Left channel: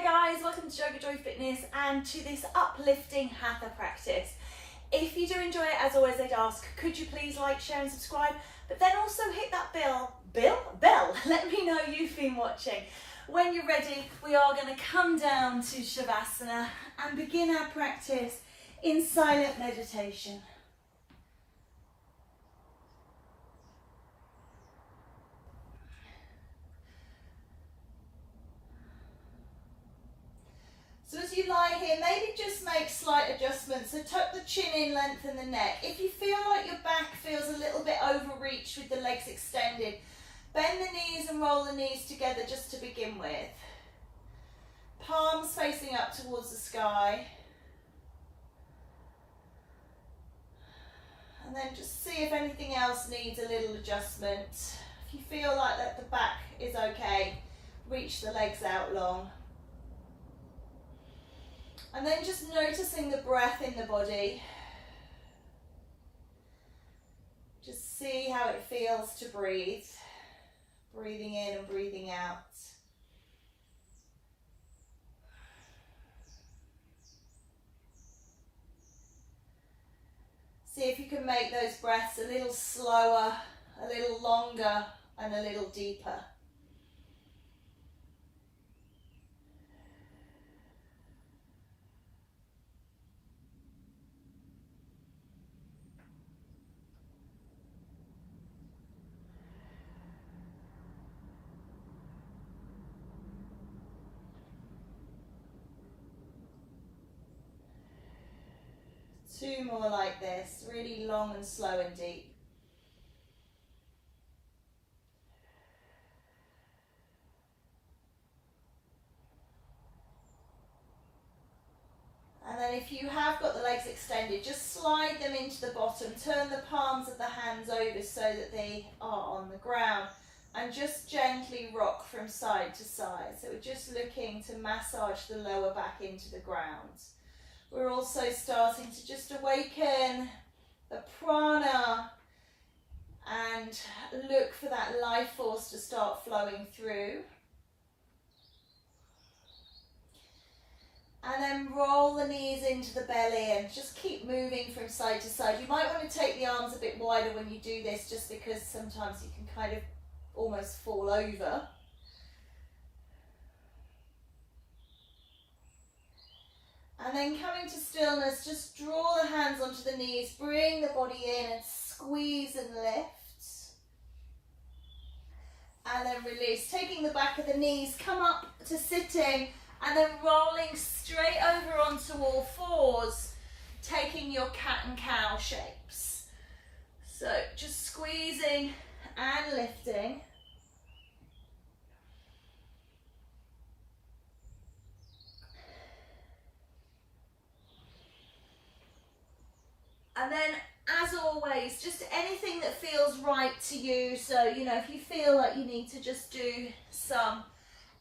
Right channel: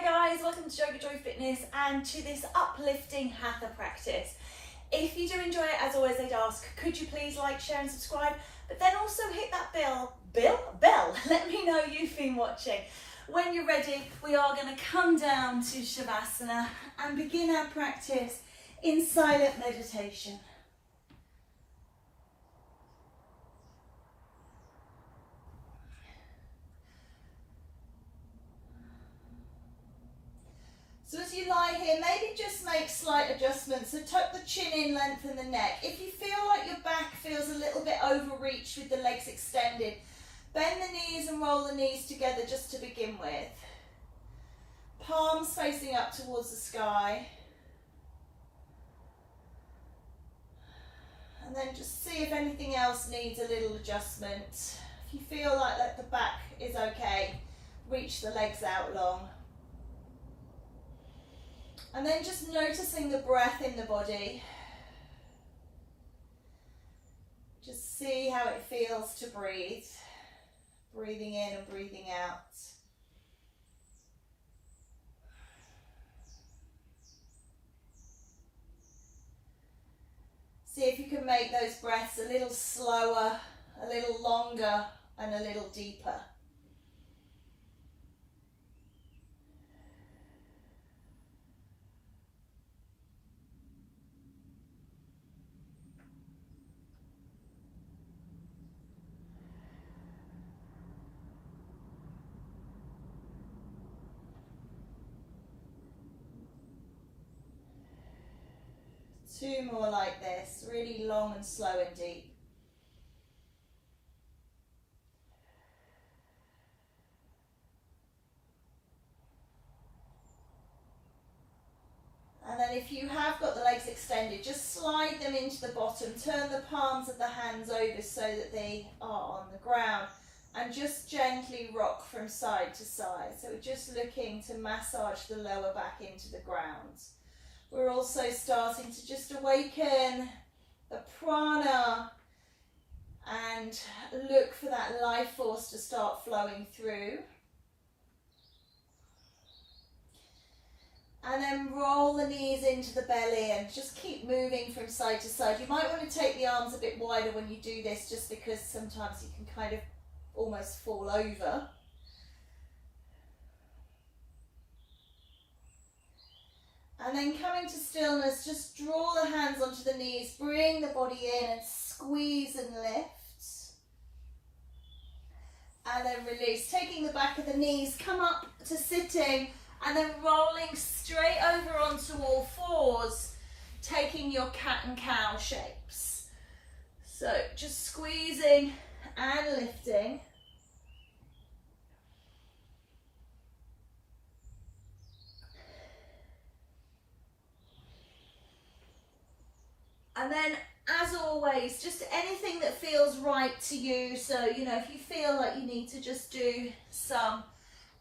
Hi guys, welcome to JoeGa Joy Fitness and to this uplifting Hatha practice. If you do enjoy it, as always I'd ask, could you please like, share and subscribe, but then also hit that bell, let me know you've been watching. When you're ready, we are going to come down to Shavasana and begin our practice in silent meditation. So as you lie here, maybe just make slight adjustments. So tuck the chin in, lengthen the neck. If you feel like your back feels a little bit overreached with the legs extended, bend the knees and roll the knees together just to begin with. Palms facing up towards the sky. And then just see if anything else needs a little adjustment. If you feel like that the back is okay, reach the legs out long. And then just noticing the breath in the body. Just see how it feels to breathe. Breathing in and breathing out. See if you can make those breaths a little slower, a little longer, and a little deeper. Two more like this, really long and slow and deep. And then if you have got the legs extended, just slide them into the bottom, turn the palms of the hands over so that they are on the ground, and just gently rock from side to side. So we're just looking to massage the lower back into the ground. We're also starting to just awaken the prana and look for that life force to start flowing through. And then roll the knees into the belly and just keep moving from side to side. You might want to take the arms a bit wider when you do this, just because sometimes you can kind of almost fall over. And then coming to stillness, just draw the hands onto the knees, bring the body in and squeeze and lift. And then release, taking the back of the knees, come up to sitting and then rolling straight over onto all fours, taking your cat and cow shapes. So just squeezing and lifting. And then, as always, just anything that feels right to you. So, you know, if you feel like you need to just do some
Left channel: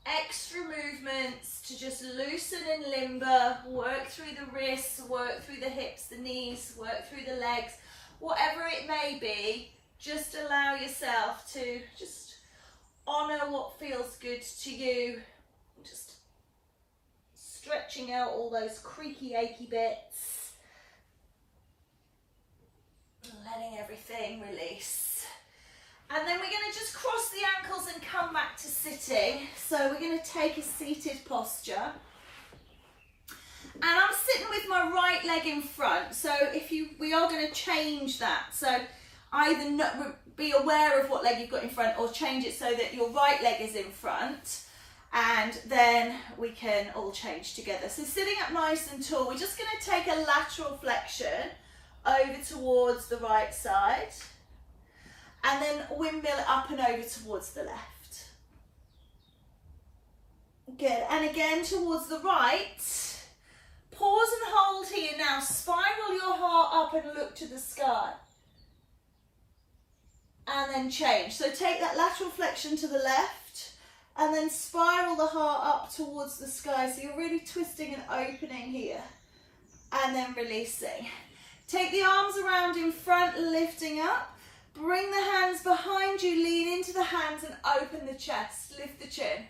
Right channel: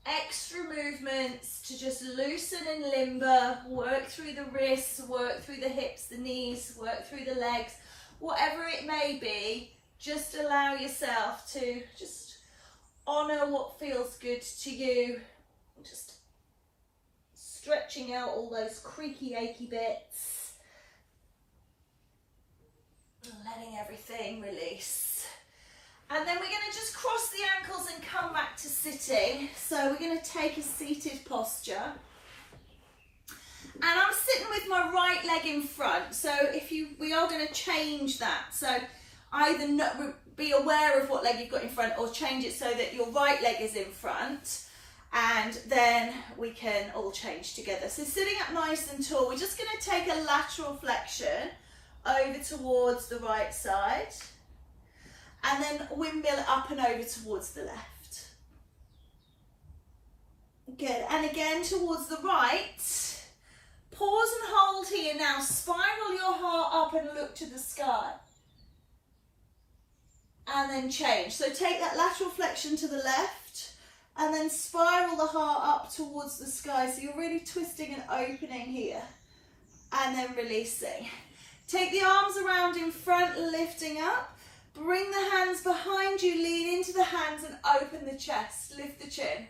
extra movements to just loosen and limber, work through the wrists, work through the hips, the knees, work through the legs, whatever it may be, just allow yourself to just honour what feels good to you. Just stretching out all those creaky, achy bits. Letting everything release. And then we're going to just cross the ankles and come back to sitting. So we're going to take a seated posture. And I'm sitting with my right leg in front. So we are going to change that. So either be aware of what leg you've got in front, or change it so that your right leg is in front. And then we can all change together. So sitting up nice and tall, we're just going to take a lateral flexion over towards the right side, and then windmill up and over towards the left. Good, and again towards the right. Pause and hold here now. Spiral your heart up and look to the sky. And then change. So take that lateral flexion to the left, and then spiral the heart up towards the sky. So you're really twisting and opening here, and then releasing. Take the arms around in front, lifting up. Bring the hands behind you, lean into the hands and open the chest. Lift the chin.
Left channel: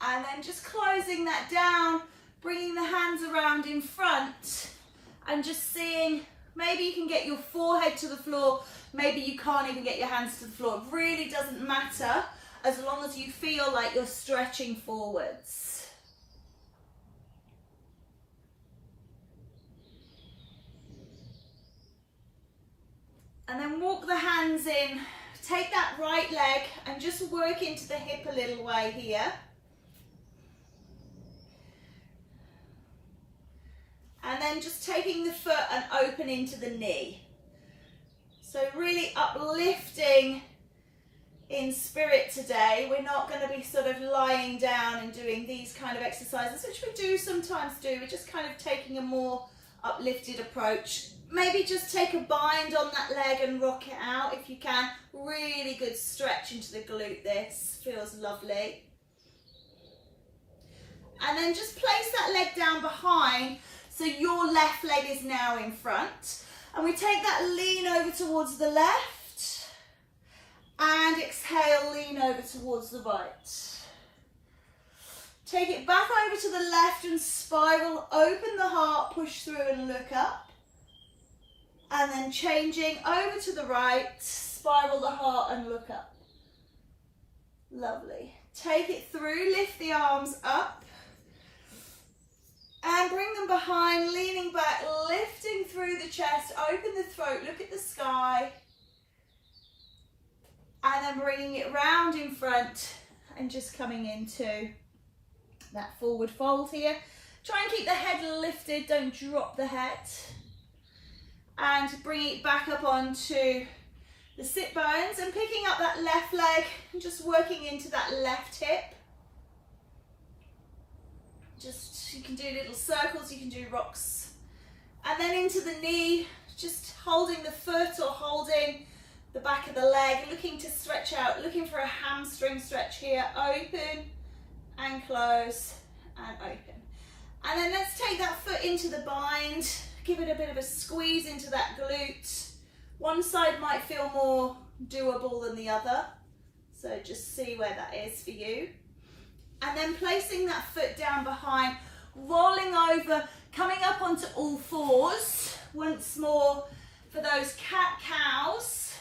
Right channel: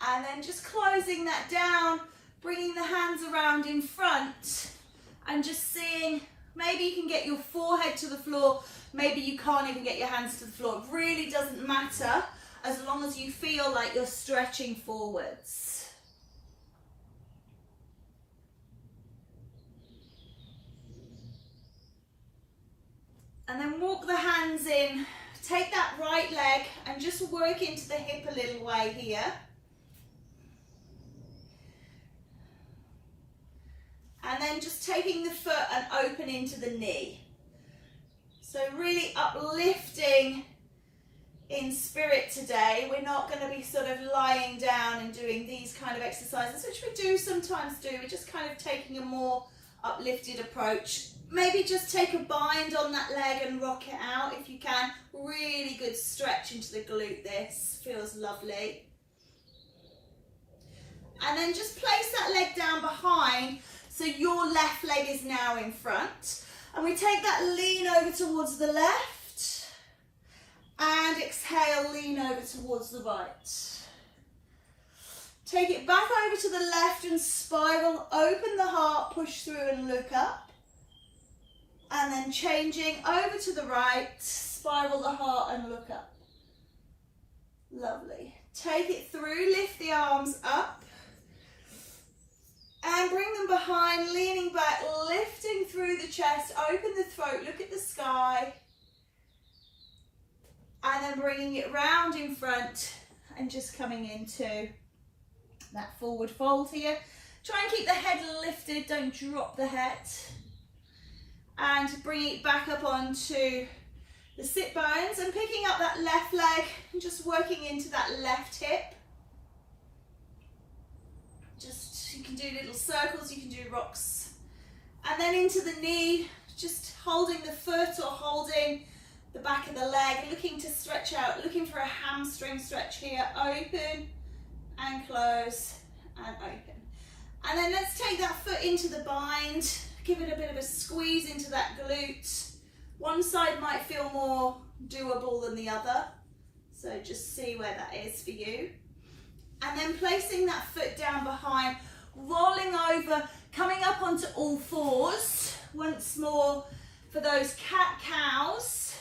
And then just closing that down, bringing the hands around in front and just seeing, maybe you can get your forehead to the floor, maybe you can't even get your hands to the floor. It really doesn't matter as long as you feel like you're stretching forwards. And then walk the hands in, take that right leg and just work into the hip a little way here. And then just taking the foot and opening to the knee. So really uplifting in spirit today. We're not going to be sort of lying down and doing these kind of exercises, which we do sometimes do. We're just kind of taking a more uplifted approach. Maybe just take a bind on that leg and rock it out if you can. Really good stretch into the glute. This feels lovely. And then just place that leg down behind so your left leg is now in front. And we take that lean over towards the left and exhale, lean over towards the right. Take it back over to the left and spiral, open the heart, push through and look up. And then changing over to the right, spiral the heart and look up. Lovely. Take it through, lift the arms up. And bring them behind, leaning back, lifting through the chest, open the throat, look at the sky. And then bringing it round in front and just coming into that forward fold here. Try and keep the head lifted, don't drop the head. And bring it back up onto the sit bones and picking up that left leg and just working into that left hip. You can do little circles, you can do rocks. And then into the knee, just holding the foot or holding the back of the leg, looking to stretch out, looking for a hamstring stretch here. Open and close and open. And then let's take that foot into the bind, give it a bit of a squeeze into that glute. One side might feel more doable than the other, so just see where that is for you. And then placing that foot down behind, rolling over, coming up onto all fours. Once more for those cat-cows.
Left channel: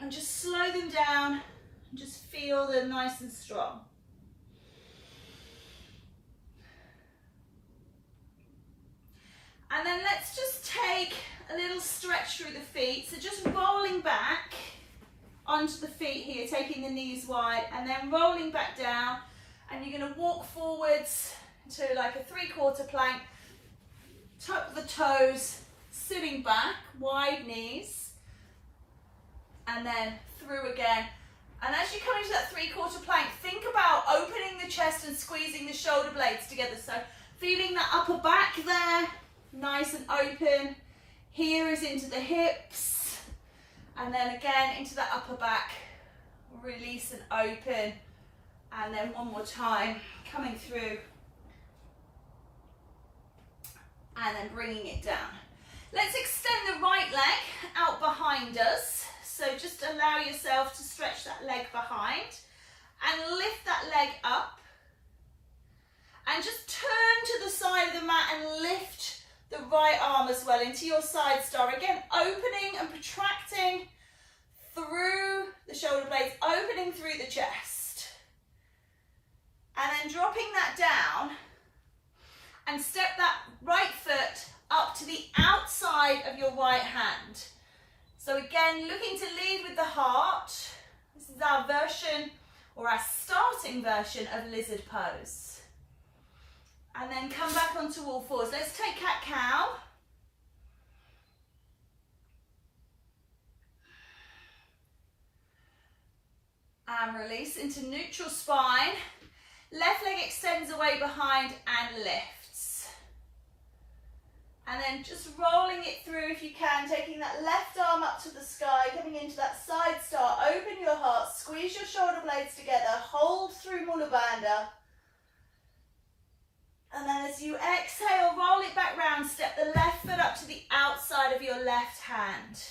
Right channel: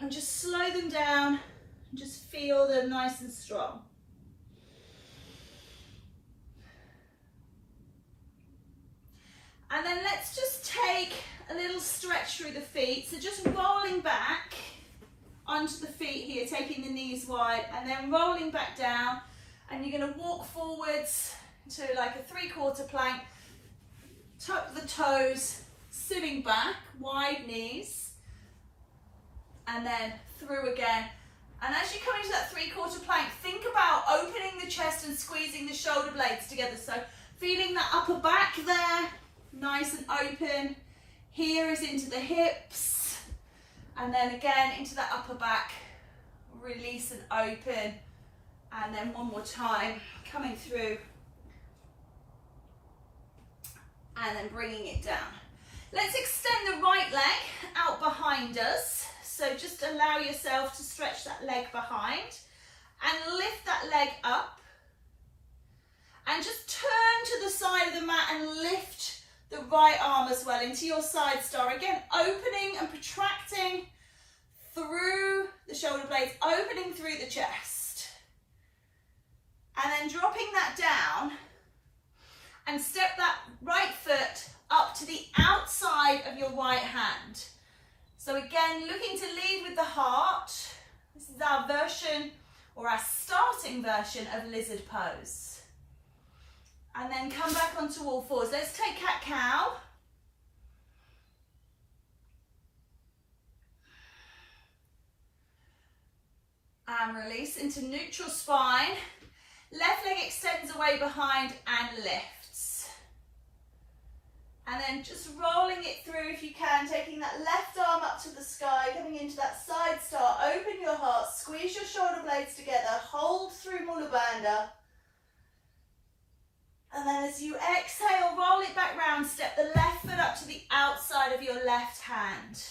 And just slow them down, and just feel them nice and strong. And then let's just take a little stretch through the feet. So just rolling back onto the feet here, taking the knees wide, and then rolling back down. And you're going to walk forwards to like a 3/4 plank, tuck the toes, sitting back, wide knees, and then through again. And as you come into that 3/4 plank, think about opening the chest and squeezing the shoulder blades together. So feeling that upper back there, nice and open. Here is into the hips, and then again into that upper back, release and open. And then one more time, coming through and then bringing it down. Let's extend the right leg out behind us. So just allow yourself to stretch that leg behind and lift that leg up. And just turn to the side of the mat and lift the right arm as well into your side star. Again, opening and protracting through the shoulder blades, opening through the chest. And then dropping that down and step that right foot up to the outside of your right hand. So again, looking to lead with the heart. This is our version or our starting version of lizard pose. And then come back onto all fours. Let's take cat-cow. And release into neutral spine. Left leg extends away behind and lifts. And then just rolling it through if you can, taking that left arm up to the sky, coming into that side star. Open your heart, squeeze your shoulder blades together, hold through Mula Bandha. And then as you exhale, roll it back round, step the left foot up to the outside of your left hand.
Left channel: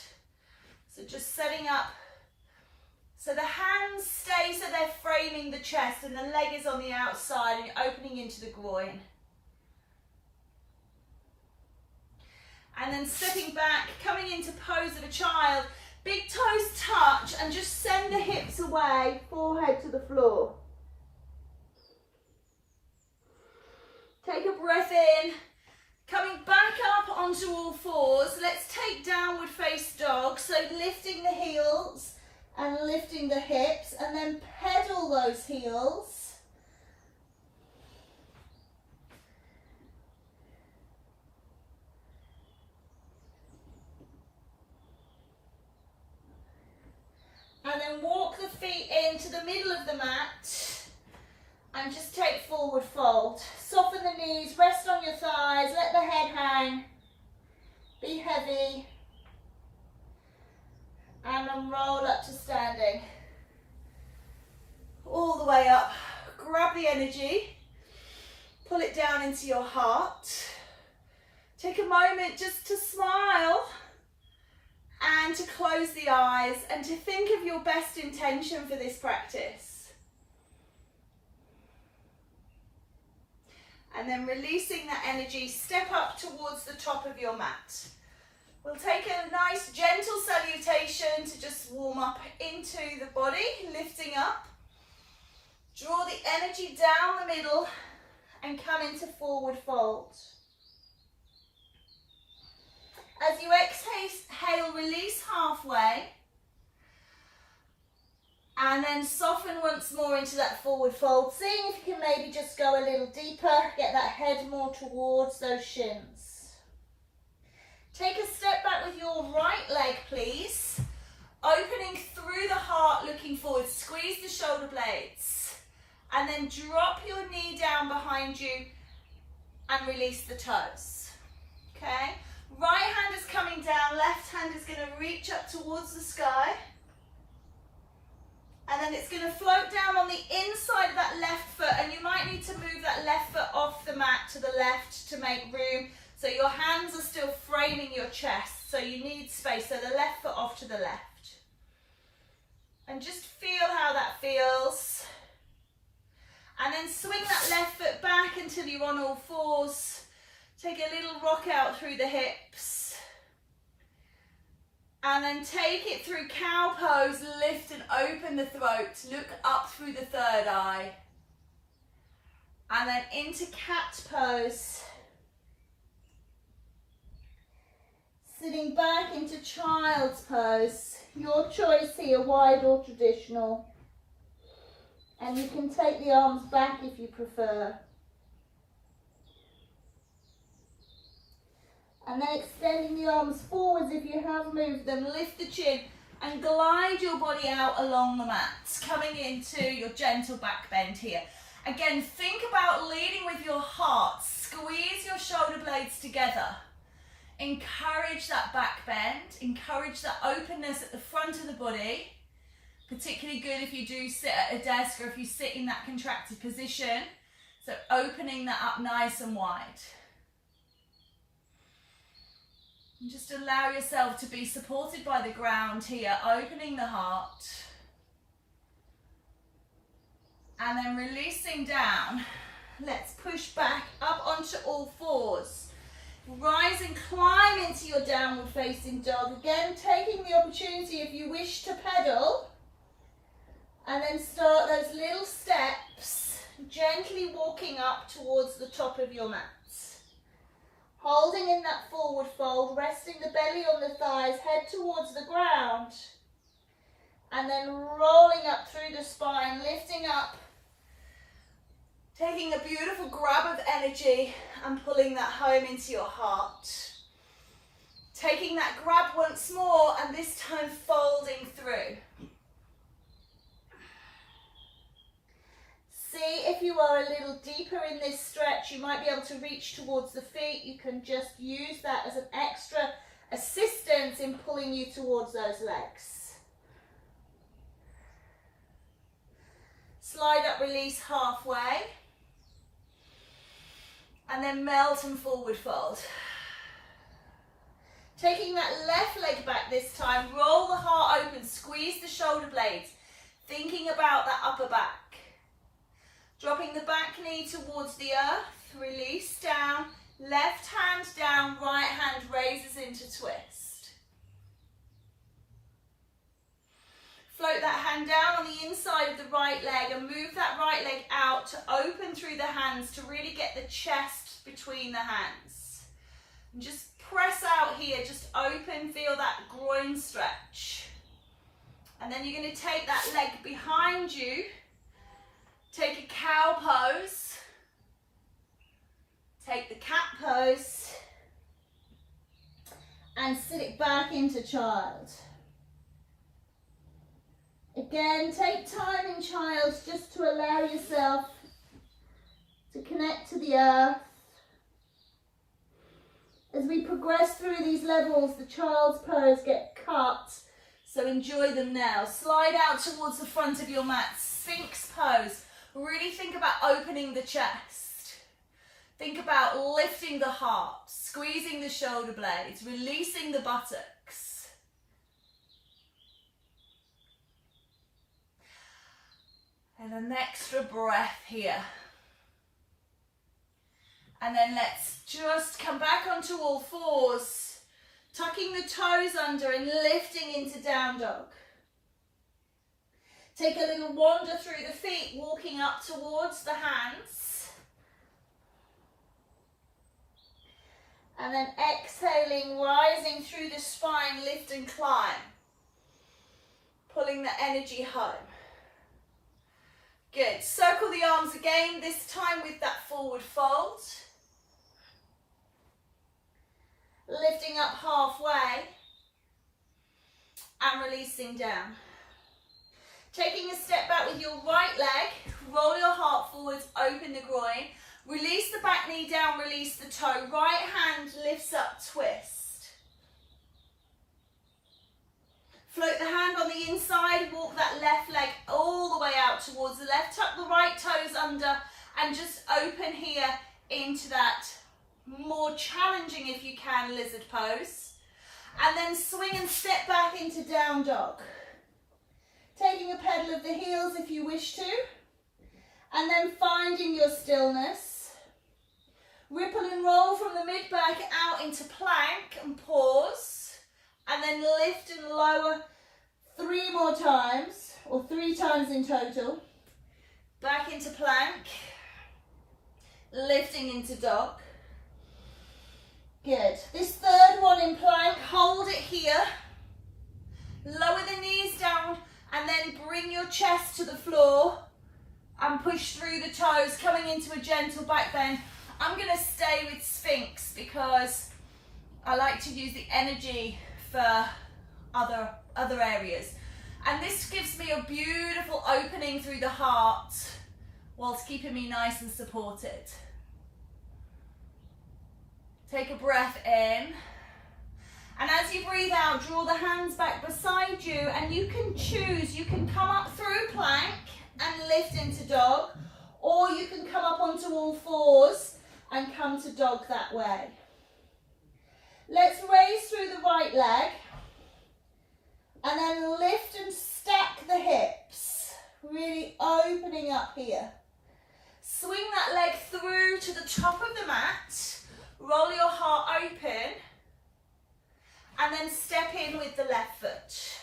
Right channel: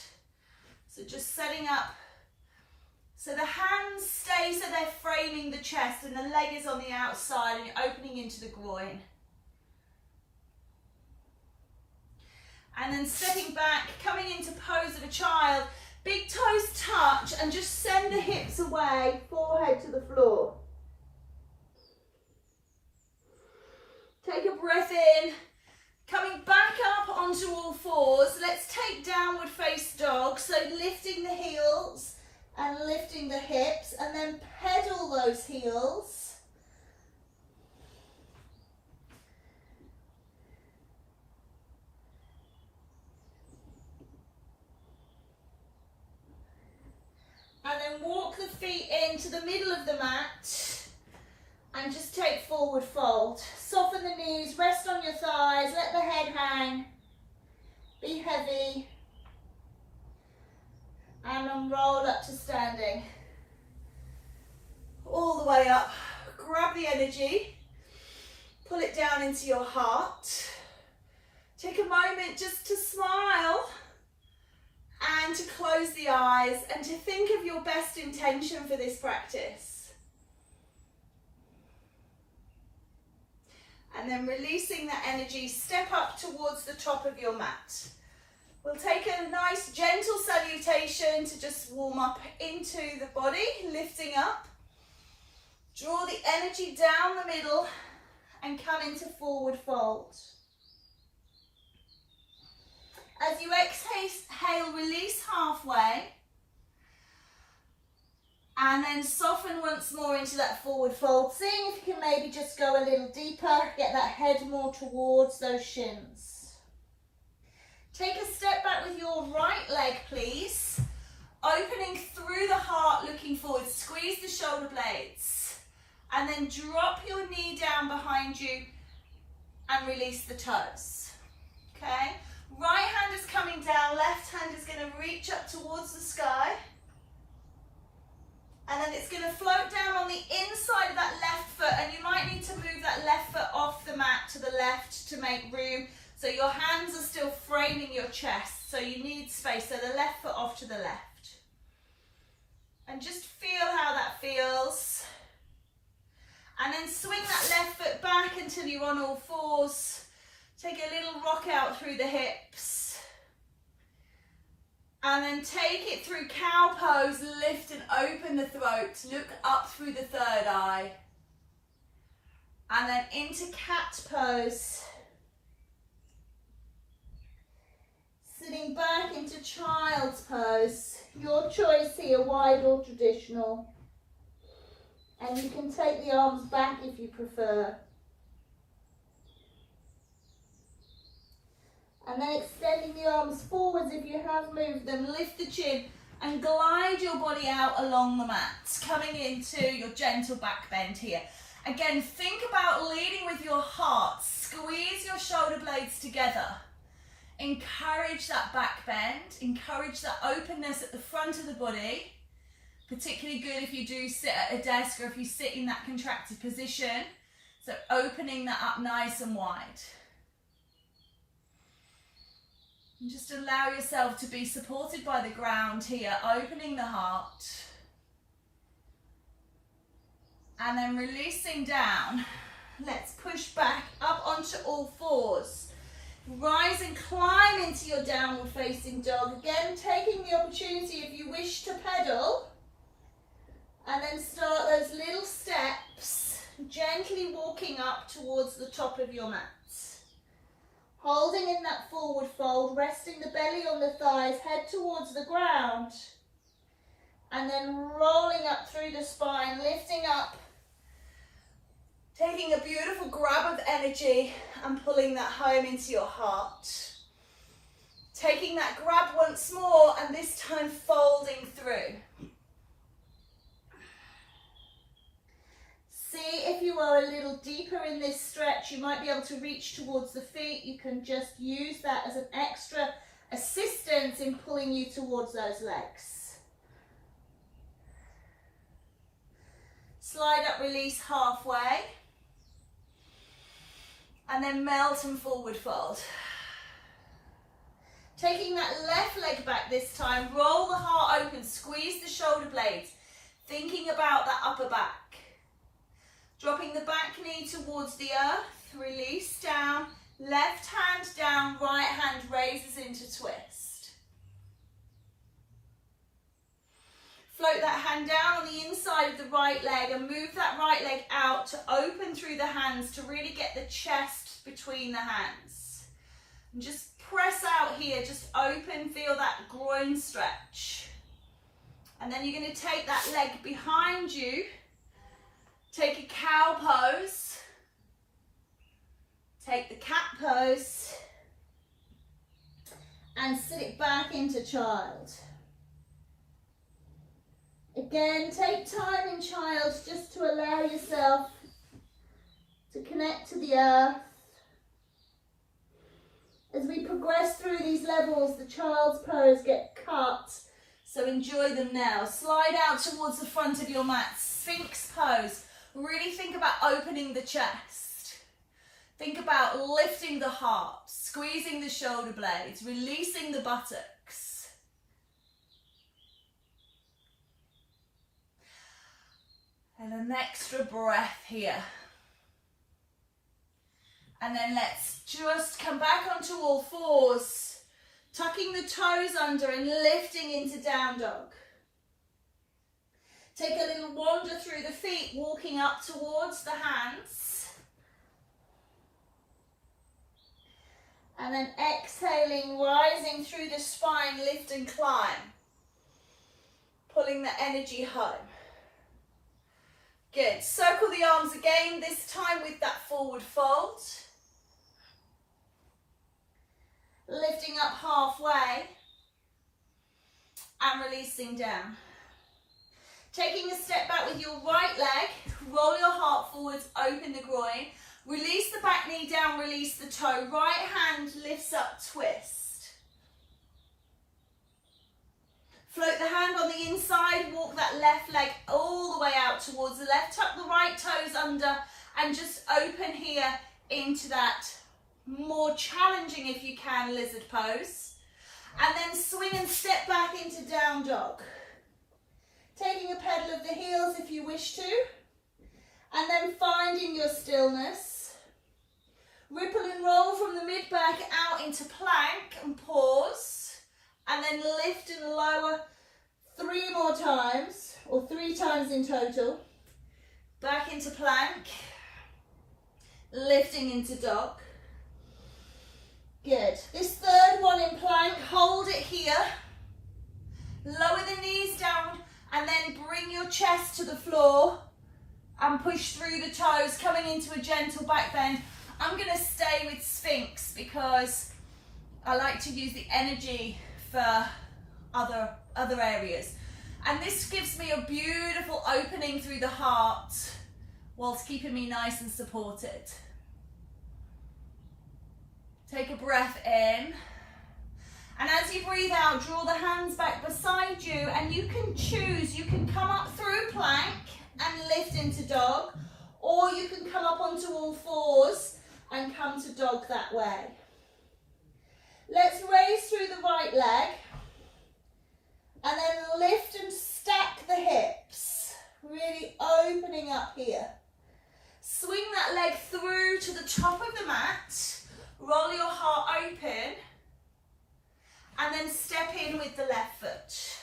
So just setting up So the hands stay so they're framing the chest and the leg is on the outside and you're opening into the groin. And then stepping back, coming into pose of a child, big toes touch and just send the hips away, forehead to the floor. Take a breath in, coming back up onto all fours. Let's take downward face dog, so lifting the heels and lifting the hips, and then pedal those heels. And then walk the feet into the middle of the mat and just take forward fold. Soften the knees, rest on your thighs, let the head hang, be heavy. And then roll up to standing. All the way up. Grab the energy, pull it down into your heart. Take a moment just to smile and to close the eyes and to think of your best intention for this practice. And then releasing that energy, step up towards the top of your mat. We'll take a nice gentle salutation to just warm up into the body, lifting up. Draw the energy down the middle and come into forward fold. As you exhale, release halfway. And then soften once more into that forward fold. Seeing if you can maybe just go a little deeper, get that head more towards those shins. Take a step back with your right leg, please. Opening through the heart, looking forward. Squeeze the shoulder blades. And then drop your knee down behind you and release the toes. Okay? Right hand is coming down, left hand is going to reach up towards the sky. And then it's going to float down on the inside of that left foot, and you might need to move that left foot off the mat to the left to make room. So your hands are still framing your chest, so you need space. So the left foot off to the left. And just feel how that feels. And then swing that left foot back until you're on all fours. Take a little rock out through the hips. And then take it through cow pose, lift and open the throat. Look up through the third eye. And then into cat pose. Sitting back into child's pose. Your choice here, wide or traditional. And you can take the arms back if you prefer. And then extending the arms forwards if you have moved them. Lift the chin and glide your body out along the mat. Coming into your gentle back bend here. Again, think about leading with your heart. Squeeze your shoulder blades together. Encourage that back bend, encourage that openness at the front of the body, particularly good if you do sit at a desk or if you sit in that contracted position. So opening that up nice and wide. And just allow yourself to be supported by the ground here, opening the heart. And then releasing down. Let's push back up onto all fours. Rise and climb into your downward facing dog. Again, taking the opportunity if you wish to pedal. And then start those little steps, gently walking up towards the top of your mat. Holding in that forward fold, resting the belly on the thighs, head towards the ground. And then rolling up through the spine, lifting up. Taking a beautiful grab of energy and pulling that home into your heart. Taking that grab once more and this time folding through. See if you are a little deeper in this stretch, you might be able to reach towards the feet. You can just use that as an extra assistance in pulling you towards those legs. Slide up, release halfway. And then melt and forward fold. Taking that left leg back this time, roll the heart open, squeeze the shoulder blades. Thinking about that upper back. Dropping the back knee towards the earth, release down, left hand down, right hand raises into twist. Float that hand down on the inside of the right leg and move that right leg out to open through the hands to really get the chest between the hands. And just press out here, just open, feel that groin stretch. And then you're going to take that leg behind you, take a cow pose, take the cat pose, and sit it back into child. Again, take time in child just to allow yourself to connect to the earth. As we progress through these levels, the child's pose get cut, so enjoy them now. Slide out towards the front of your mat, Sphinx pose. Really think about opening the chest. Think about lifting the heart, squeezing the shoulder blades, releasing the buttocks. And an extra breath here. And then let's just come back onto all fours, tucking the toes under and lifting into down dog. Take a little wander through the feet, walking up towards the hands. And then exhaling, rising through the spine, lift and climb. Pulling the energy home. Good. Circle the arms again, this time with that forward fold. Lifting up halfway and releasing down. Taking a step back with your right leg, roll your heart forwards, open the groin. Release the back knee down, release the toe. Right hand lifts up, twist. Float the hand on the inside, walk that left leg all the way out towards the left. Tuck the right toes under and just open here into that more challenging, if you can, lizard pose. And then swing and step back into down dog. Taking a pedal of the heels if you wish to. And then finding your stillness. Ripple and roll from the mid-back out into plank and pause. And then lift and lower 3 more times, or 3 times in total. Back into plank. Lifting into dog. Good. This third one in plank, hold it here. Lower the knees down and then bring your chest to the floor and push through the toes, coming into a gentle back bend. I'm going to stay with Sphinx because I like to use the energy for other areas. And this gives me a beautiful opening through the heart whilst keeping me nice and supported. Take a breath in, and as you breathe out, draw the hands back beside you, and you can choose. You can come up through plank and lift into dog, or you can come up onto all fours and come to dog that way. Let's raise through the right leg, and then lift and stack the hips, really opening up here. Swing that leg through to the top of the mat. Roll your heart open and then step in with the left foot.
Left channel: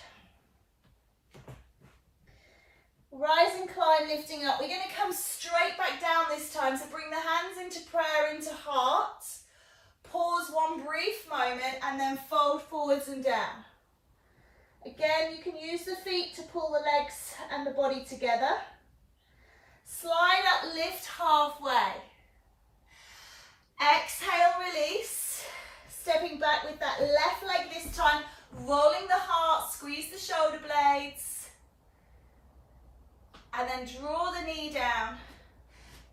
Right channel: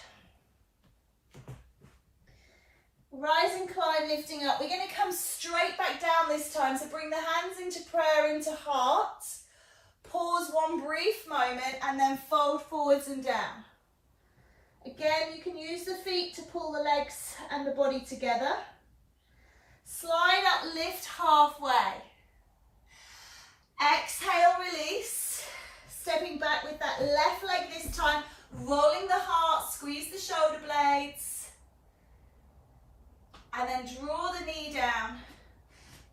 Rise and climb, lifting up. We're going to come straight back down this time, so bring the hands into prayer, into heart. Pause one brief moment and then fold forwards and down. Again, you can use the feet to pull the legs and the body together. Slide up, lift halfway. Exhale, release. Stepping back with that left leg this time, rolling the heart, squeeze the shoulder blades. And then draw the knee down.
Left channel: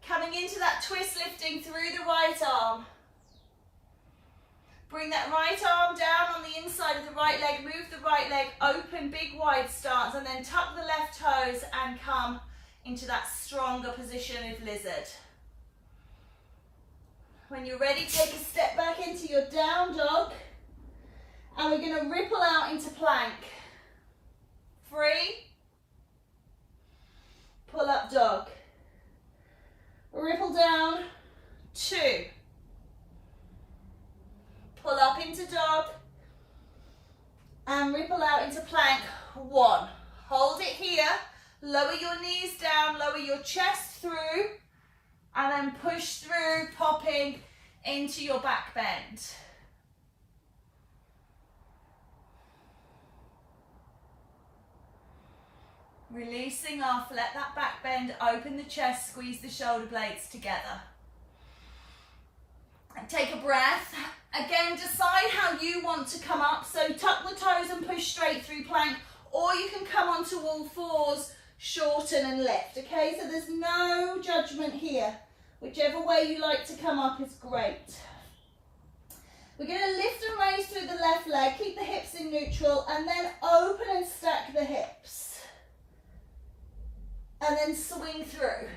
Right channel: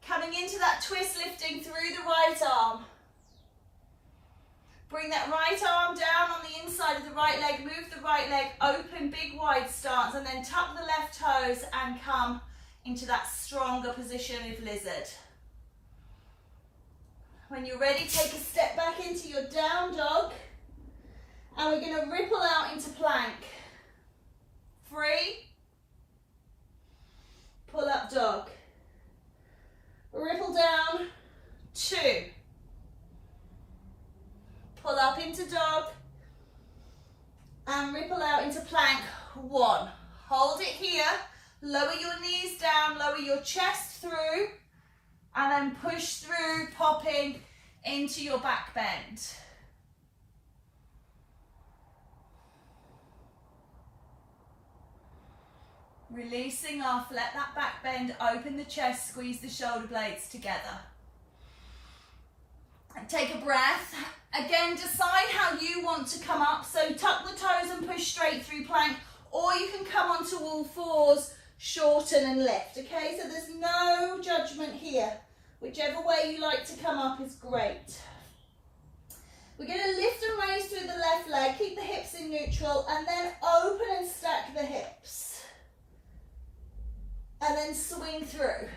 Coming into that twist, lifting through the right arm. Bring that right arm down on the inside of the right leg, move the right leg, open, big wide stance, and then tuck the left toes and come into that stronger position of lizard. When you're ready, take a step back into your down dog, and we're going to ripple out into plank. 3, pull up dog. Ripple down, 2. Pull up into dog. And ripple out into plank, 1. Hold it here. Lower your knees down, lower your chest through. And then push through, popping into your back bend. Releasing off, let that back bend, open the chest, squeeze the shoulder blades together. And take a breath. Again, decide how you want to come up. So tuck the toes and push straight through plank, or you can come onto all fours, shorten and lift, okay? So there's no judgment here. Whichever way you like to come up is great. We're going to lift and raise through the left leg, keep the hips in neutral, and then open and stack the hips. And then swing through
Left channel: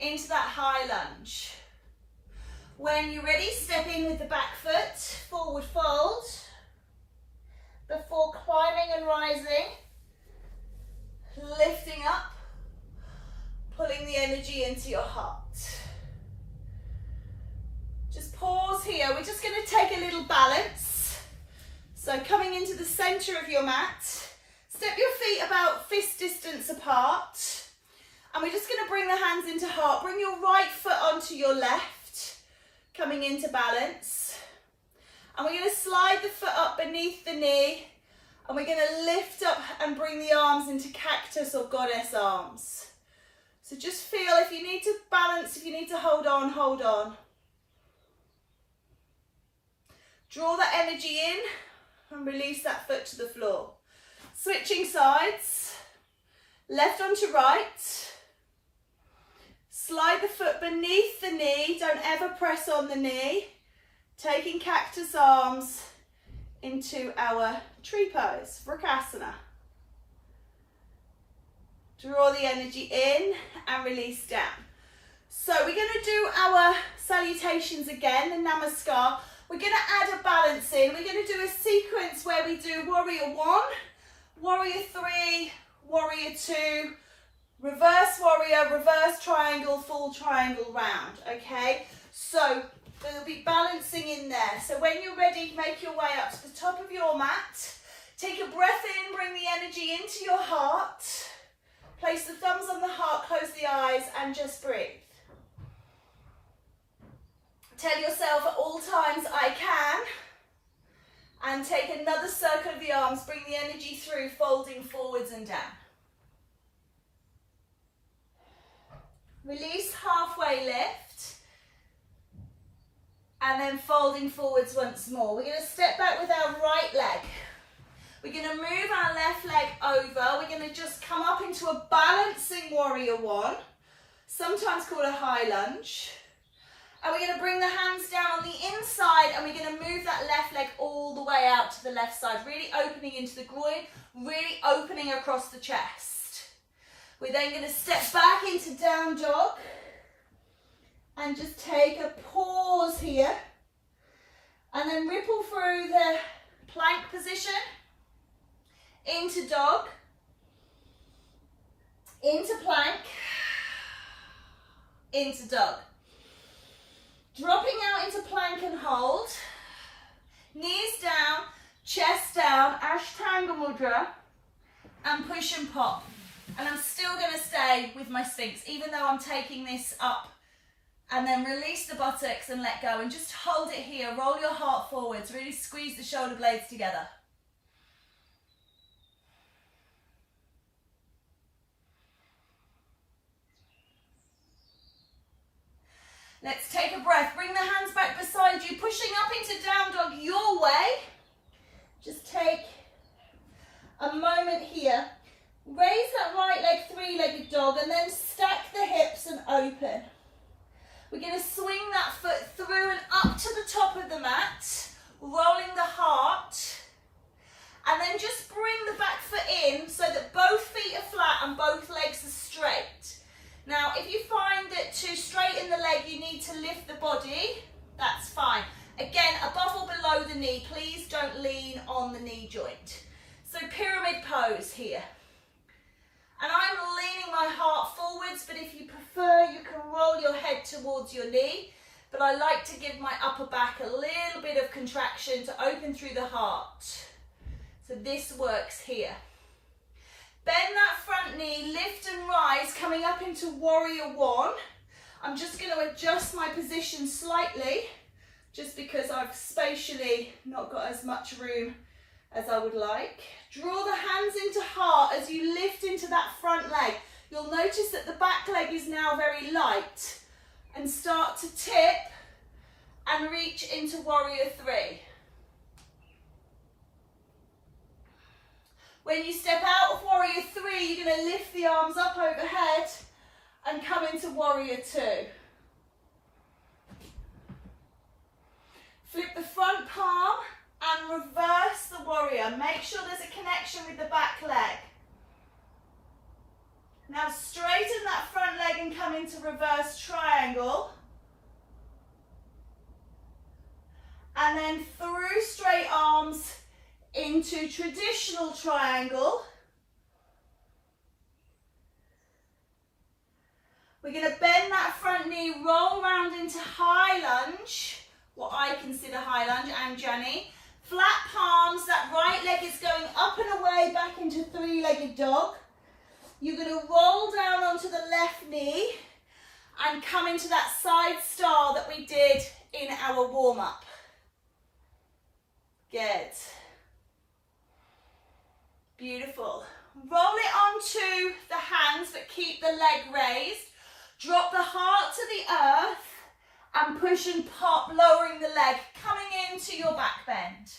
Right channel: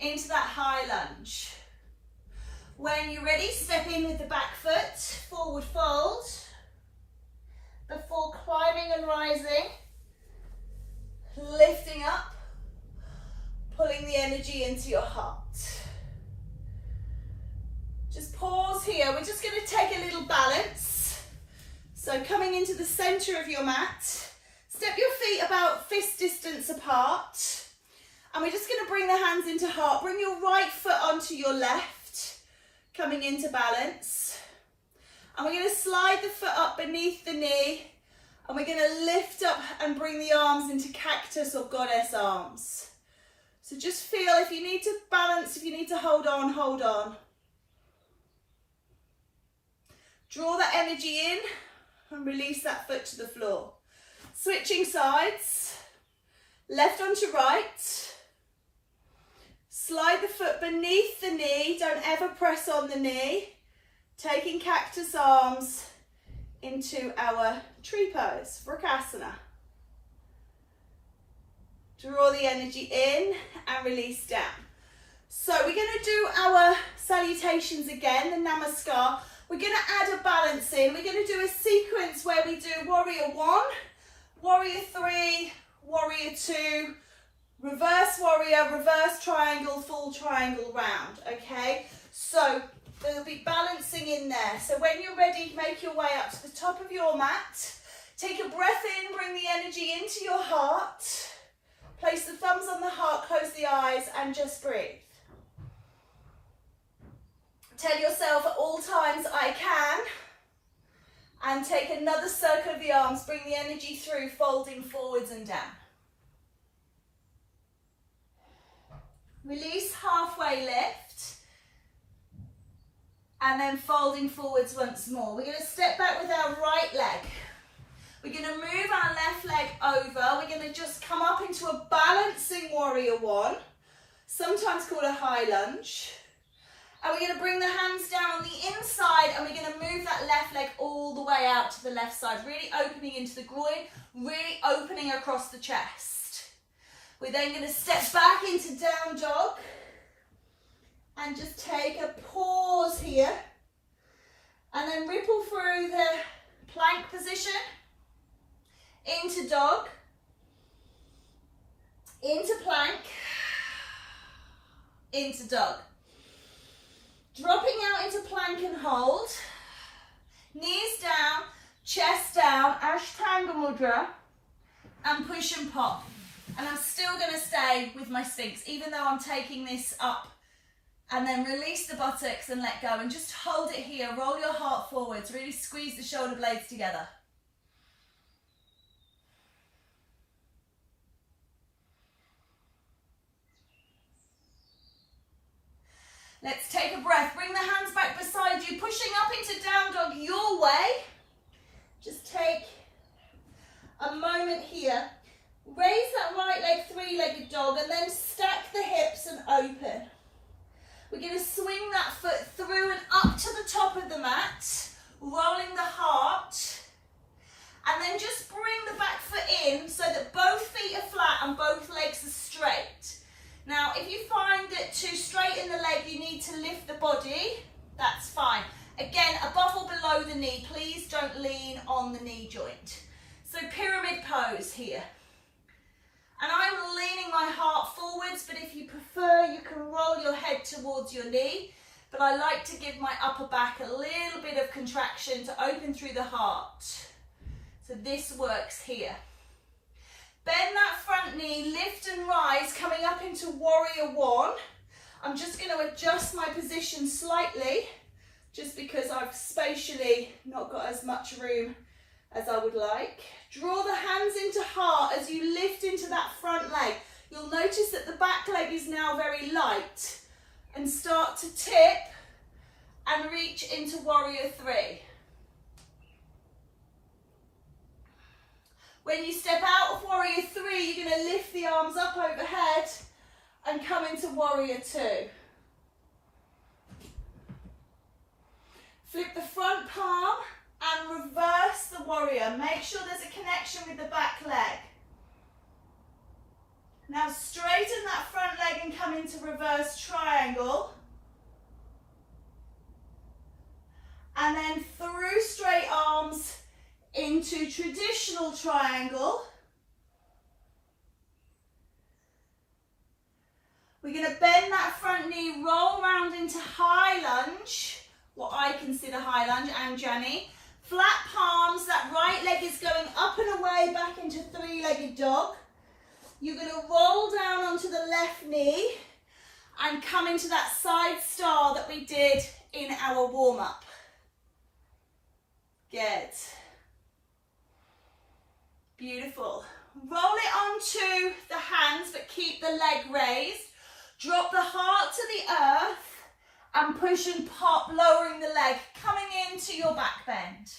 into that high lunge. When you're ready, step in with the back foot, forward fold, before climbing and rising, lifting up, pulling the energy into your heart. Just pause here. We're just going to take a little balance. So coming into the center of your mat, step your feet about fist distance apart. And we're just going to bring the hands into heart. Bring your right foot onto your left, coming into balance. And we're going to slide the foot up beneath the knee. And we're going to lift up and bring the arms into cactus or goddess arms. So just feel if you need to balance, if you need to hold on, hold on. Draw that energy in and release that foot to the floor. Switching sides, left onto right. Slide the foot beneath the knee, don't ever press on the knee. Taking cactus arms into our tree pose, Vrksasana. Draw the energy in and release down. So we're going to do our salutations again, the namaskar. We're going to add a balance in. We're going to do a sequence where we do warrior 1, warrior 3, warrior 2, reverse warrior, reverse triangle, full triangle round, okay? So there'll be balancing in there. So when you're ready, make your way up to the top of your mat. Take a breath in, bring the energy into your heart. Place the thumbs on the heart, close the eyes, and just breathe. Tell yourself at all times, I can. And take another circle of the arms, bring the energy through, folding forwards and down. Release, halfway lift. And then folding forwards once more. We're going to step back with our right leg. We're going to move our left leg over. We're going to just come up into a balancing warrior 1, sometimes called a high lunge. And we're going to bring the hands down on the inside and we're going to move that left leg all the way out to the left side, really opening into the groin, really opening across the chest. We're then going to step back into down dog and just take a pause here and then ripple through the plank position into dog, into plank, into dog. Dropping out into plank and hold, knees down, chest down, Ashtanga Mudra, and push and pop. And I'm still going to stay with my Sphinx, even though I'm taking this up, and then release the buttocks and let go, and just hold it here. Roll your heart forwards, really squeeze the shoulder blades together. Let's take a breath. Bring the hands back beside you, pushing up into down dog your way. Just take a moment here. Raise that right leg, three-legged dog, and then stack the hips and open. We're going to swing that foot through and up to the top of the mat, rolling the heart, and then just bring the back foot in so that both feet are flat and both legs are straight. Now, if you find that to straighten the leg, you need to lift the body, that's fine. Again, above or below the knee, please don't lean on the knee joint. So pyramid pose here. And I'm leaning my heart forwards, but if you prefer, you can roll your head towards your knee. But I like to give my upper back a little bit of contraction to open through the heart. So this works here. Bend that front knee, lift and rise, coming up into warrior one. I'm just going to adjust my position slightly, just because I've spatially not got as much room as I would like. Draw the hands into heart as you lift into that front leg. You'll notice that the back leg is now very light, and start to tip and reach into warrior three. When you step out of warrior three, you're going to lift the arms up overhead and come into warrior two. Flip the front palm and reverse the warrior. Make sure there's a connection with the back leg. Now straighten that front leg and come into reverse triangle. And then through straight arms into traditional triangle. We're going to bend that front knee, roll round into high lunge, what I consider high lunge, and Johnny. Flat palms, that right leg is going up and away back into three-legged dog. You're going to roll down onto the left knee and come into that side star that we did in our warm-up. Good. Beautiful. Roll it onto the hands, but keep the leg raised. Drop the heart to the earth and push and pop, lowering the leg, coming into your back bend.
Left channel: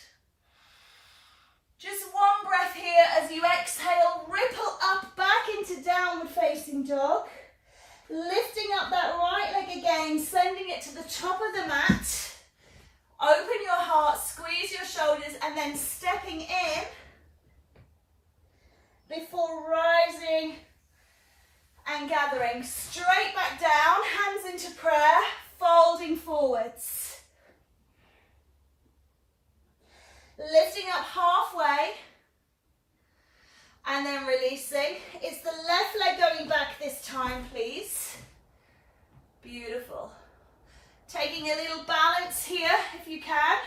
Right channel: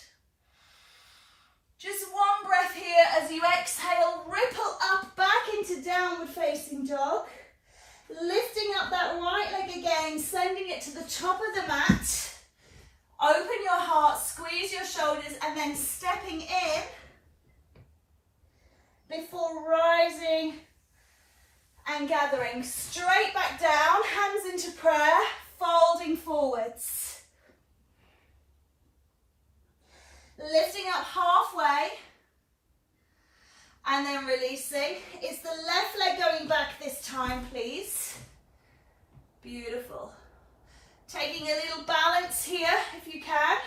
Just one breath here as you exhale, ripple up back into downward facing dog. Lifting up that right leg again, sending it to the top of the mat. Open your heart, squeeze your shoulders, and then stepping in before rising and gathering. Straight back down, hands into prayer, folding forwards. Lifting up halfway and then releasing. It's the left leg going back this time, please. Beautiful. Taking a little balance here if you can.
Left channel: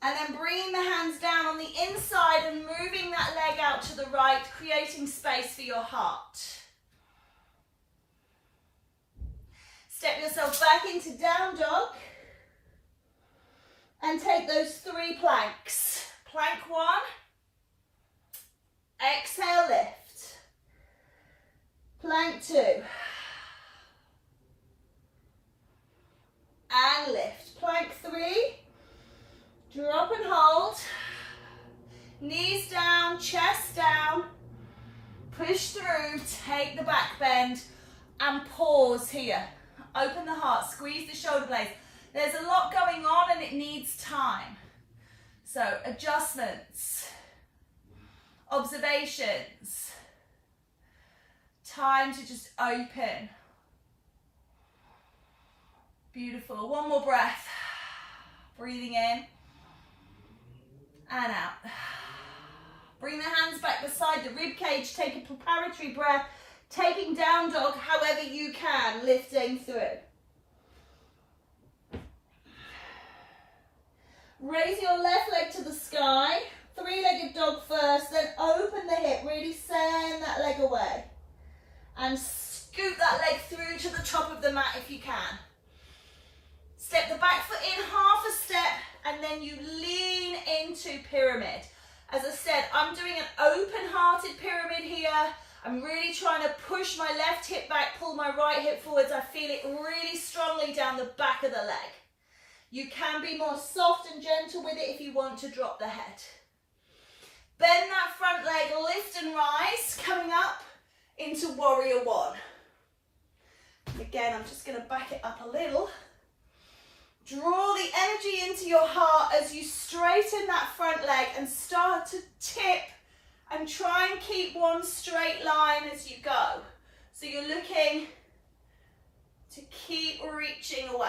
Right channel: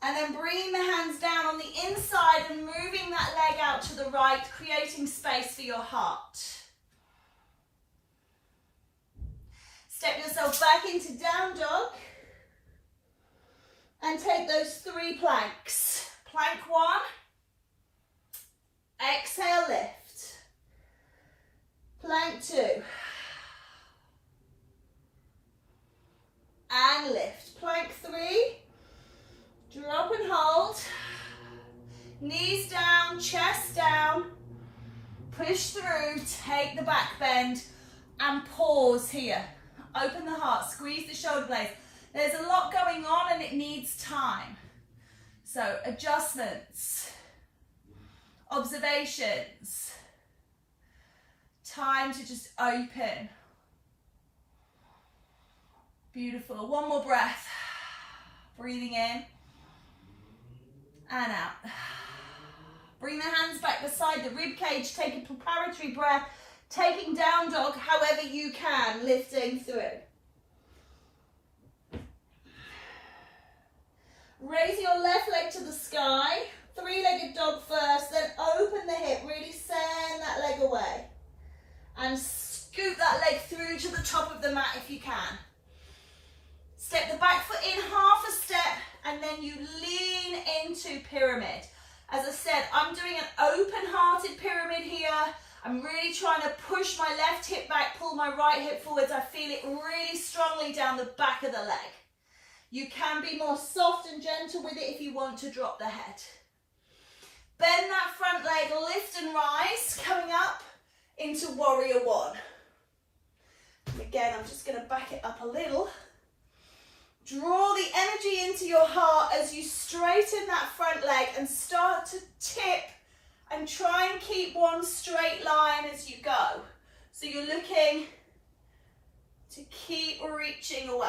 And then bringing the hands down on the inside and moving that leg out to the right, creating space for your heart. Step yourself back into down dog. And take those 3 planks. Plank 1. Exhale, lift. Plank 2. And lift. Plank 3. Drop and hold. Knees down, chest down. Push through, take the back bend and pause here. Open the heart, squeeze the shoulder blades. There's a lot going on and it needs time. So adjustments, observations, time to just open. Beautiful. One more breath. Breathing in and out. Bring the hands back beside the rib cage. Take a preparatory breath. Taking down dog however you can, lifting through. Raise your left leg to the sky, 3-legged dog first, then open the hip, really send that leg away. And scoot that leg through to the top of the mat if you can. Step the back foot in half a step and then you lean into pyramid. As I said, I'm doing an open-hearted pyramid here. I'm really trying to push my left hip back, pull my right hip forwards. I feel it really strongly down the back of the leg. You can be more soft and gentle with it if you want to drop the head. Bend that front leg, lift and rise, coming up into warrior 1. And again, I'm just going to back it up a little. Draw the energy into your heart as you straighten that front leg and start to tip and try and keep one straight line as you go. So you're looking to keep reaching away.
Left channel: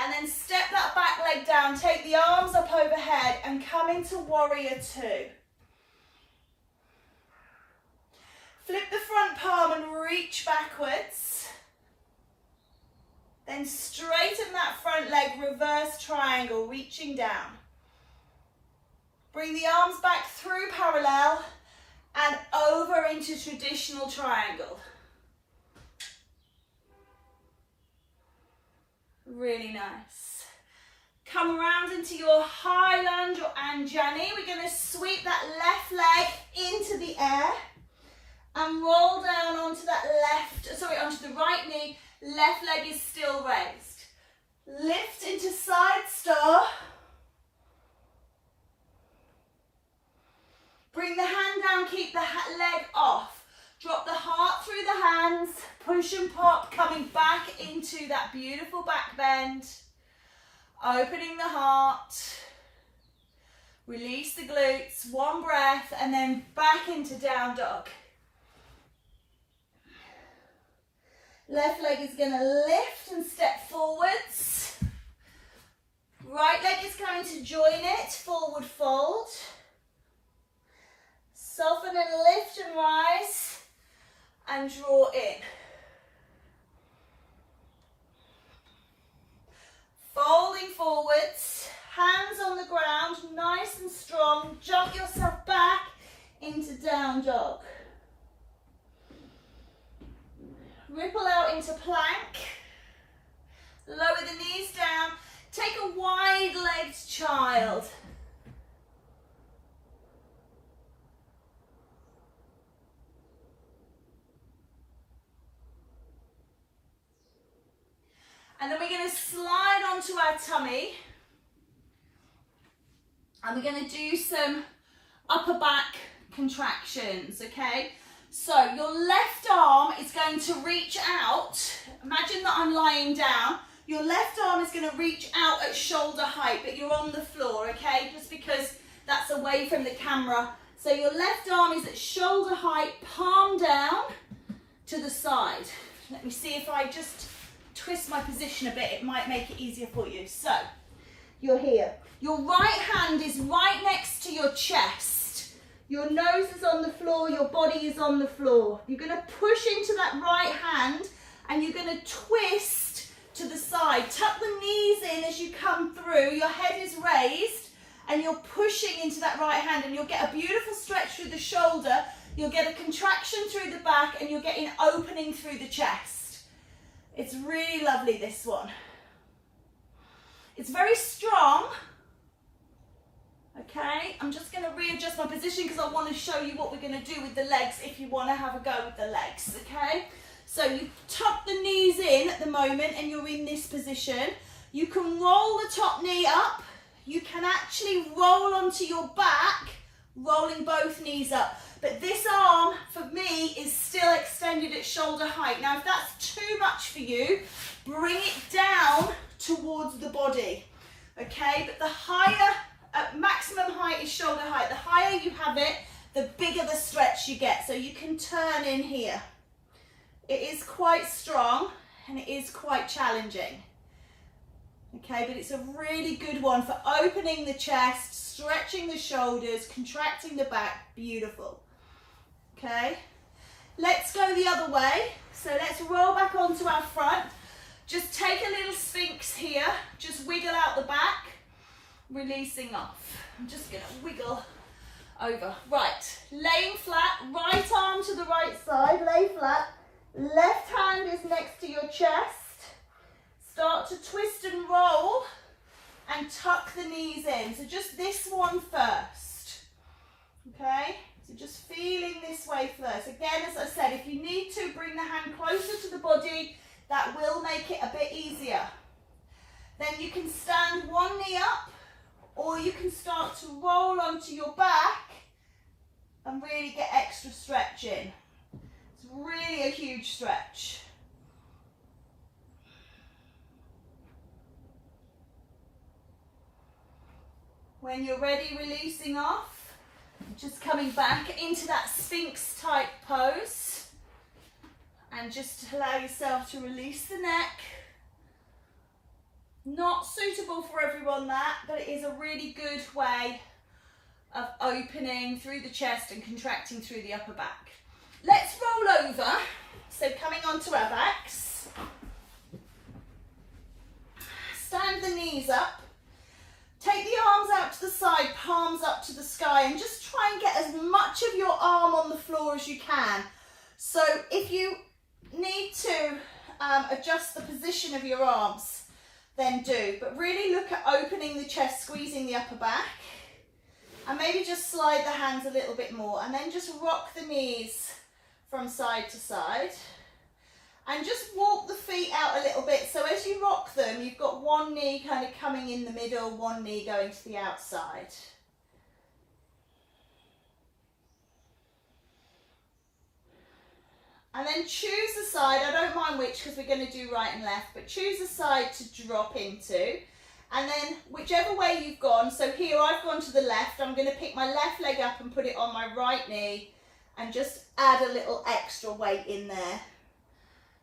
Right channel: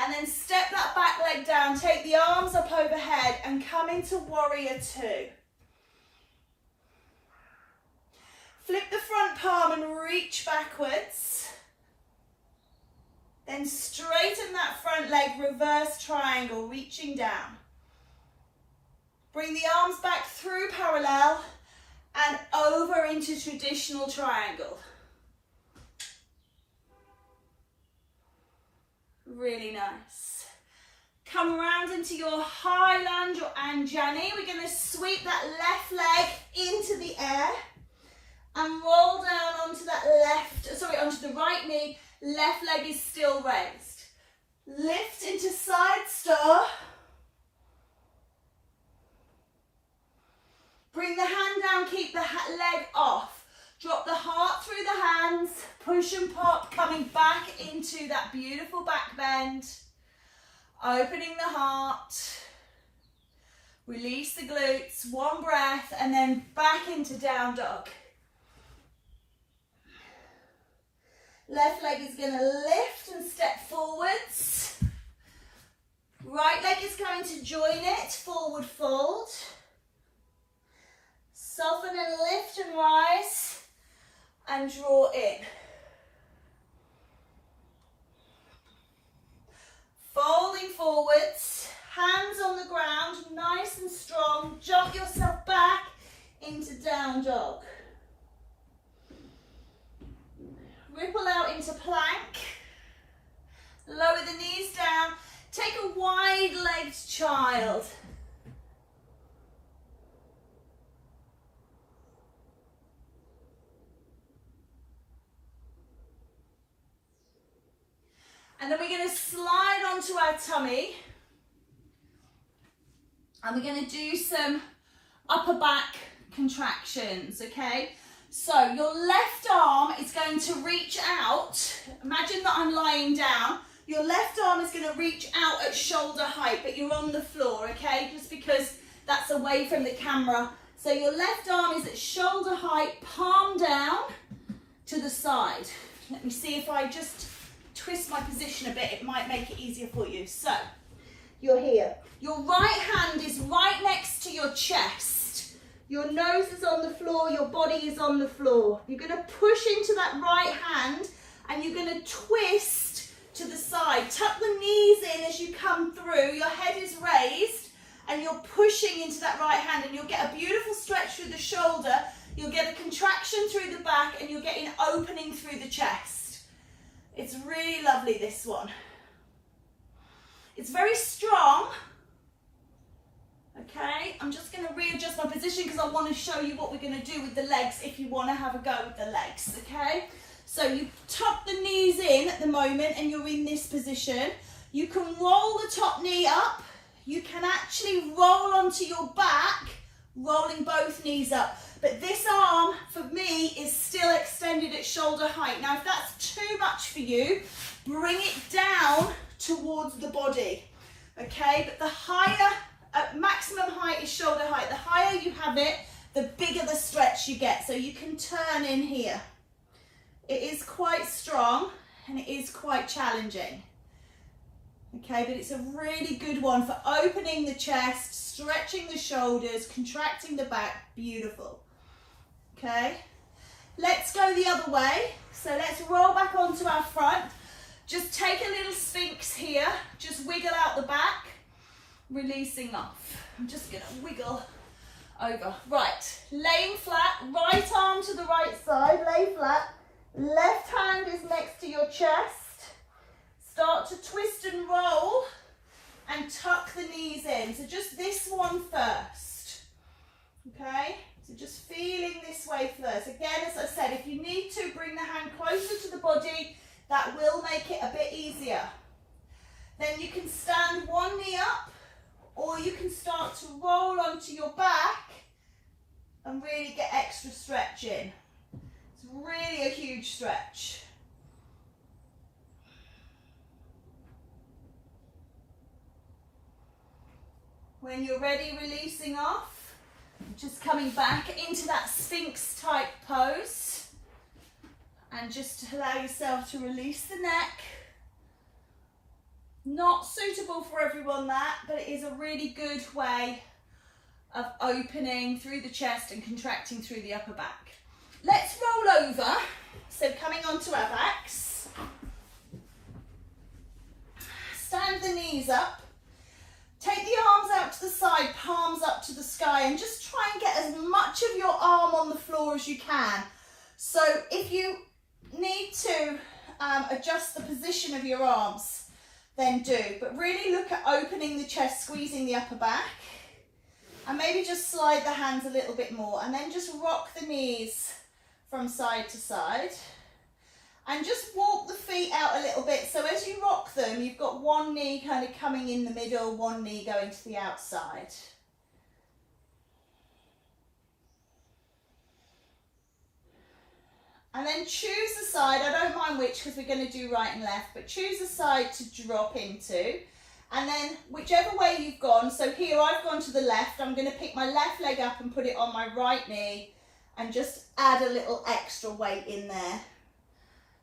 And then step that back leg down, take the arms up overhead and come into warrior 2. Flip the front palm and reach backwards. Then straighten that front leg, reverse triangle, reaching down. Bring the arms back through parallel and over into traditional triangle. Really nice. Come around into your high lunge or Anjani. We're going to sweep that left leg into the air and roll down onto that onto the right knee. Left leg is still raised. Lift into side star. Bring the hand down, keep the leg off. Drop the heart through the hands, push and pop, coming back into that beautiful back bend. Opening the heart. Release the glutes, one breath, and then back into down dog. Left leg is going to lift and step forwards. Right leg is going to join it, forward fold. Soften and lift and rise and draw in. Folding forwards, hands on the ground, nice and strong. Jump yourself back into down dog. Ripple out into plank. Lower the knees down. Take a wide-legged child. And then we're going to slide onto our tummy. And we're going to do some upper back contractions, okay? So your left arm is going to reach out. Imagine that I'm lying down. Your left arm is going to reach out at shoulder height, but you're on the floor, okay? Just because that's away from the camera. So your left arm is at shoulder height, palm down to the side. Let me see if I just twist my position a bit, it might make it easier for you. So, you're here. Your right hand is right next to your chest. Your nose is on the floor, your body is on the floor. You're going to push into that right hand and you're going to twist to the side. Tuck the knees in as you come through. Your head is raised and you're pushing into that right hand and you'll get a beautiful stretch through the shoulder. You'll get a contraction through the back and you'll get an opening through the chest. It's really lovely, this one. It's very strong. Okay, I'm just going to readjust my position because I want to show you what we're going to do with the legs if you want to have a go with the legs, okay? So you tuck the knees in at the moment and you're in this position. You can roll the top knee up. You can actually roll onto your back, rolling both knees up. But this arm, for me, is still extended at shoulder height. Now, if that's too much for you, bring it down towards the body, okay? But the higher, maximum height is shoulder height. The higher you have it, the bigger the stretch you get. So you can turn in here. It is quite strong and it is quite challenging. Okay, but it's a really good one for opening the chest, stretching the shoulders, contracting the back. Beautiful. Okay, let's go the other way. So let's roll back onto our front. Just take a little sphinx here. Just wiggle out the back, releasing off. I'm just going to wiggle over. Right, laying flat, right arm to the right side, lay flat. Left hand is next to your chest. Start to twist and roll and tuck the knees in. So just this one first, okay? So just feeling this way first. Again, as I said, if you need to, bring the hand closer to the body. That will make it a bit easier. Then you can stand one knee up, or you can start to roll onto your back and really get extra stretch in. It's really a huge stretch. When you're ready, releasing off. Just coming back into that Sphinx type pose and just allow yourself to release the neck. Not suitable for everyone that, but it is a really good way of opening through the chest and contracting through the upper back. Let's roll over, so coming onto our backs. Stand the knees up. Take the arms out to the side, palms up to the sky, and just try and get as much of your arm on the floor as you can. So if you need to adjust the position of your arms, then do. But really look at opening the chest, squeezing the upper back. And maybe just slide the hands a little bit more. And then just rock the knees from side to side. And just walk the feet out a little bit. So as you rock them, you've got one knee kind of coming in the middle, one knee going to the outside. And then choose a side, I don't mind which because we're going to do right and left, but choose a side to drop into. And then whichever way you've gone, so here I've gone to the left, I'm going to pick my left leg up and put it on my right knee and just add a little extra weight in there.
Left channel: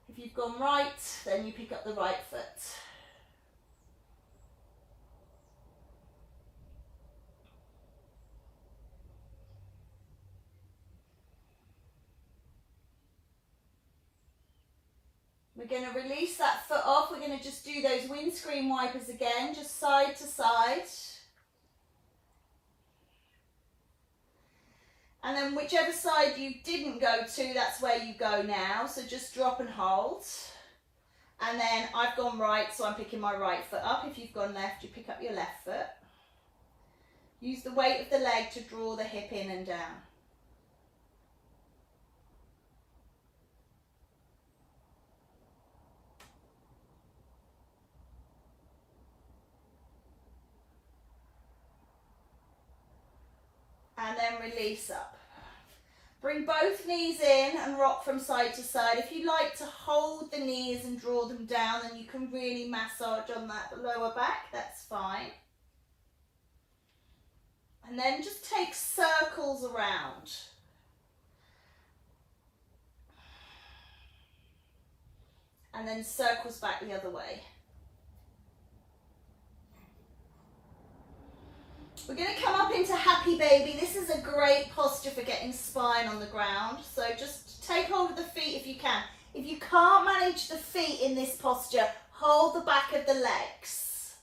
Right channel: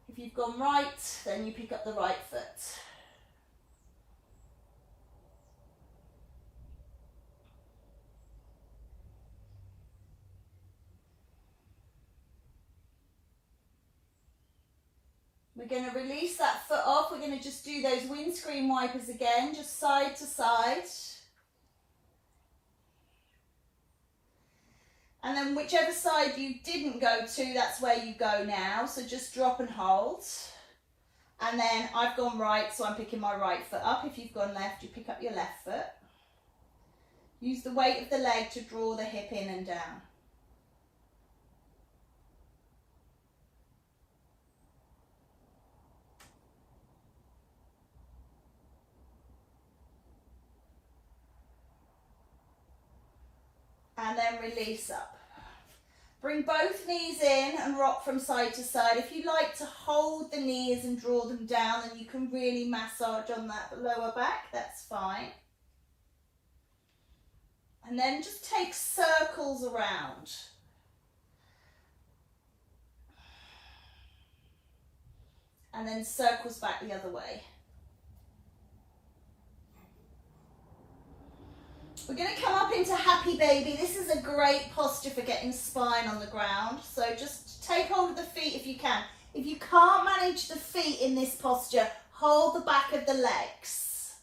If you've gone right, then you pick up the right foot. We're going to release that foot off. We're going to just do those windscreen wipers again, just side to side. And then whichever side you didn't go to, that's where you go now. So just drop and hold. And then I've gone right, so I'm picking my right foot up. If you've gone left, you pick up your left foot. Use the weight of the leg to draw the hip in and down. And then release up. Bring both knees in and rock from side to side. If you like to hold the knees and draw them down, then you can really massage on that lower back, that's fine. And then just take circles around. And then circles back the other way. We're going to come up into happy baby. This is a great posture for getting spine on the ground. So just take hold of the feet if you can. If you can't manage the feet in this posture, hold the back of the legs.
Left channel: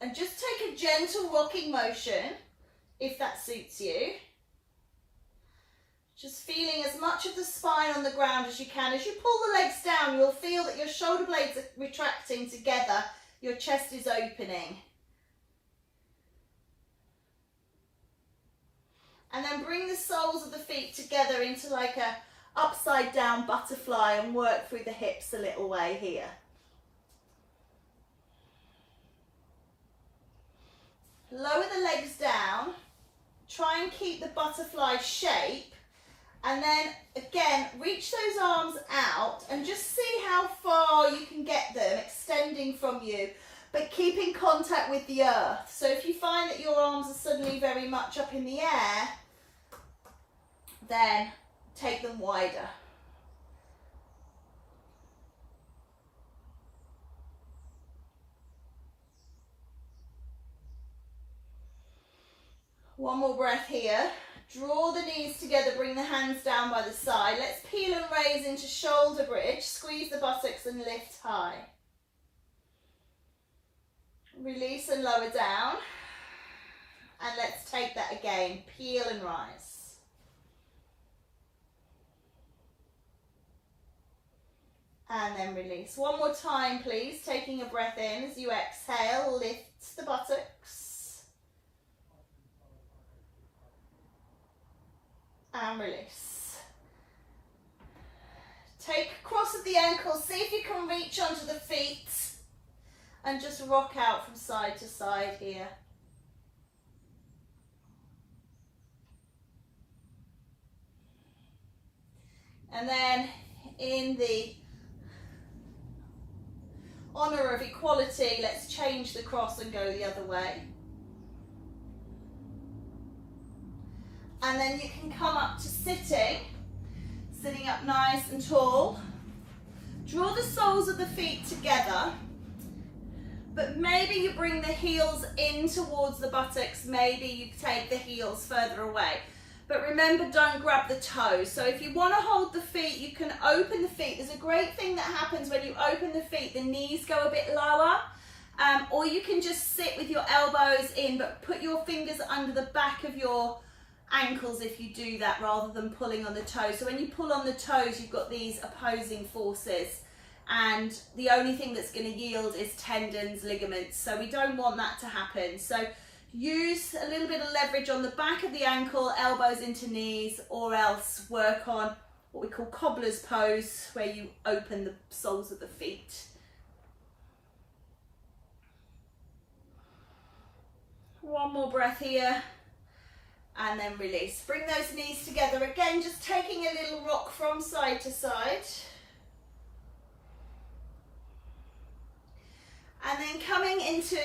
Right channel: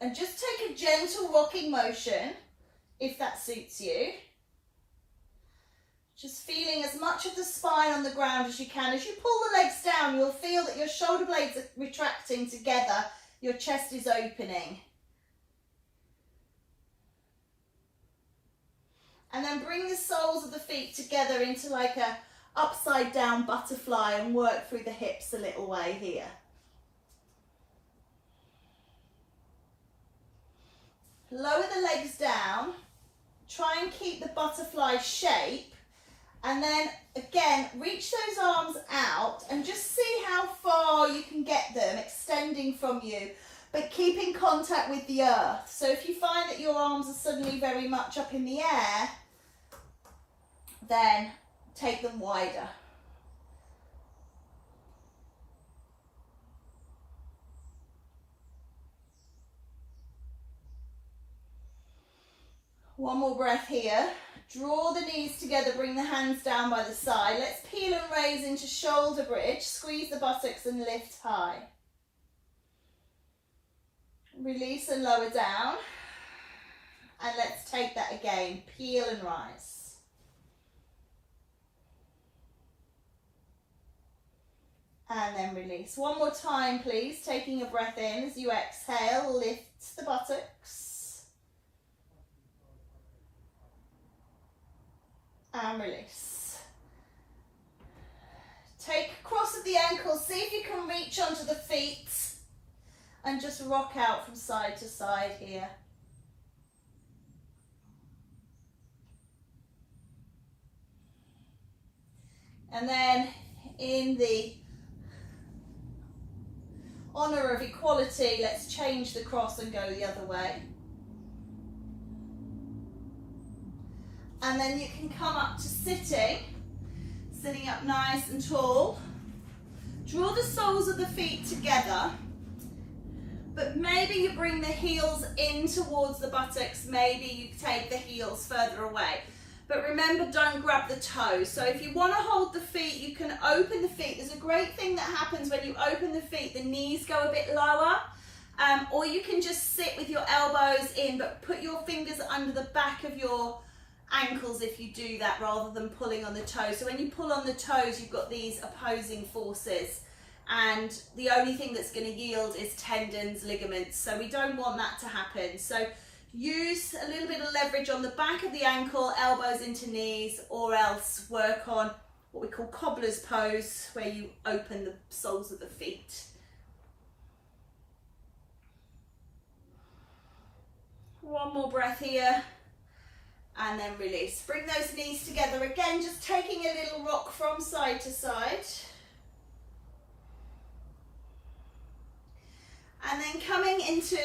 And just take a gentle rocking motion, if that suits you. Just feeling as much of the spine on the ground as you can. As you pull the legs down, you'll feel that your shoulder blades are retracting together. Your chest is opening. And then bring the soles of the feet together into like a upside down butterfly and work through the hips a little way here. Lower the legs down, try and keep the butterfly shape, and then again reach those arms out and just see how far you can get them extending from you, but keep in contact with the earth. So if you find that your arms are suddenly very much up in the air, then take them wider. One more breath here. Draw the knees together, bring the hands down by the side. Let's peel and raise into shoulder bridge. Squeeze the buttocks and lift high. Release and lower down. And let's take that again. Peel and rise. And then release. One more time, please. Taking a breath in as you exhale, lift the buttocks. And release. Take a cross of the ankles. See if you can reach onto the feet. And just rock out from side to side here. And then in the honour of equality, let's change the cross and go the other way. And then you can come up to sitting up nice and tall. Draw the soles of the feet together, but maybe you bring the heels in towards the buttocks, maybe you take the heels further away. But remember, don't grab the toes. So if you want to hold the feet, you can open the feet. There's a great thing that happens when you open the feet. The knees go a bit lower. Or you can just sit with your elbows in, but put your fingers under the back of your ankles if you do that, rather than pulling on the toes. So when you pull on the toes, you've got these opposing forces, and the only thing that's going to yield is tendons, ligaments. So we don't want that to happen. So use a little bit of leverage on the back of the ankle, elbows into knees, or else work on what we call cobbler's pose, where you open the soles of the feet. One more breath here, and then release. Bring those knees together again, just taking a little rock from side to side. And then coming into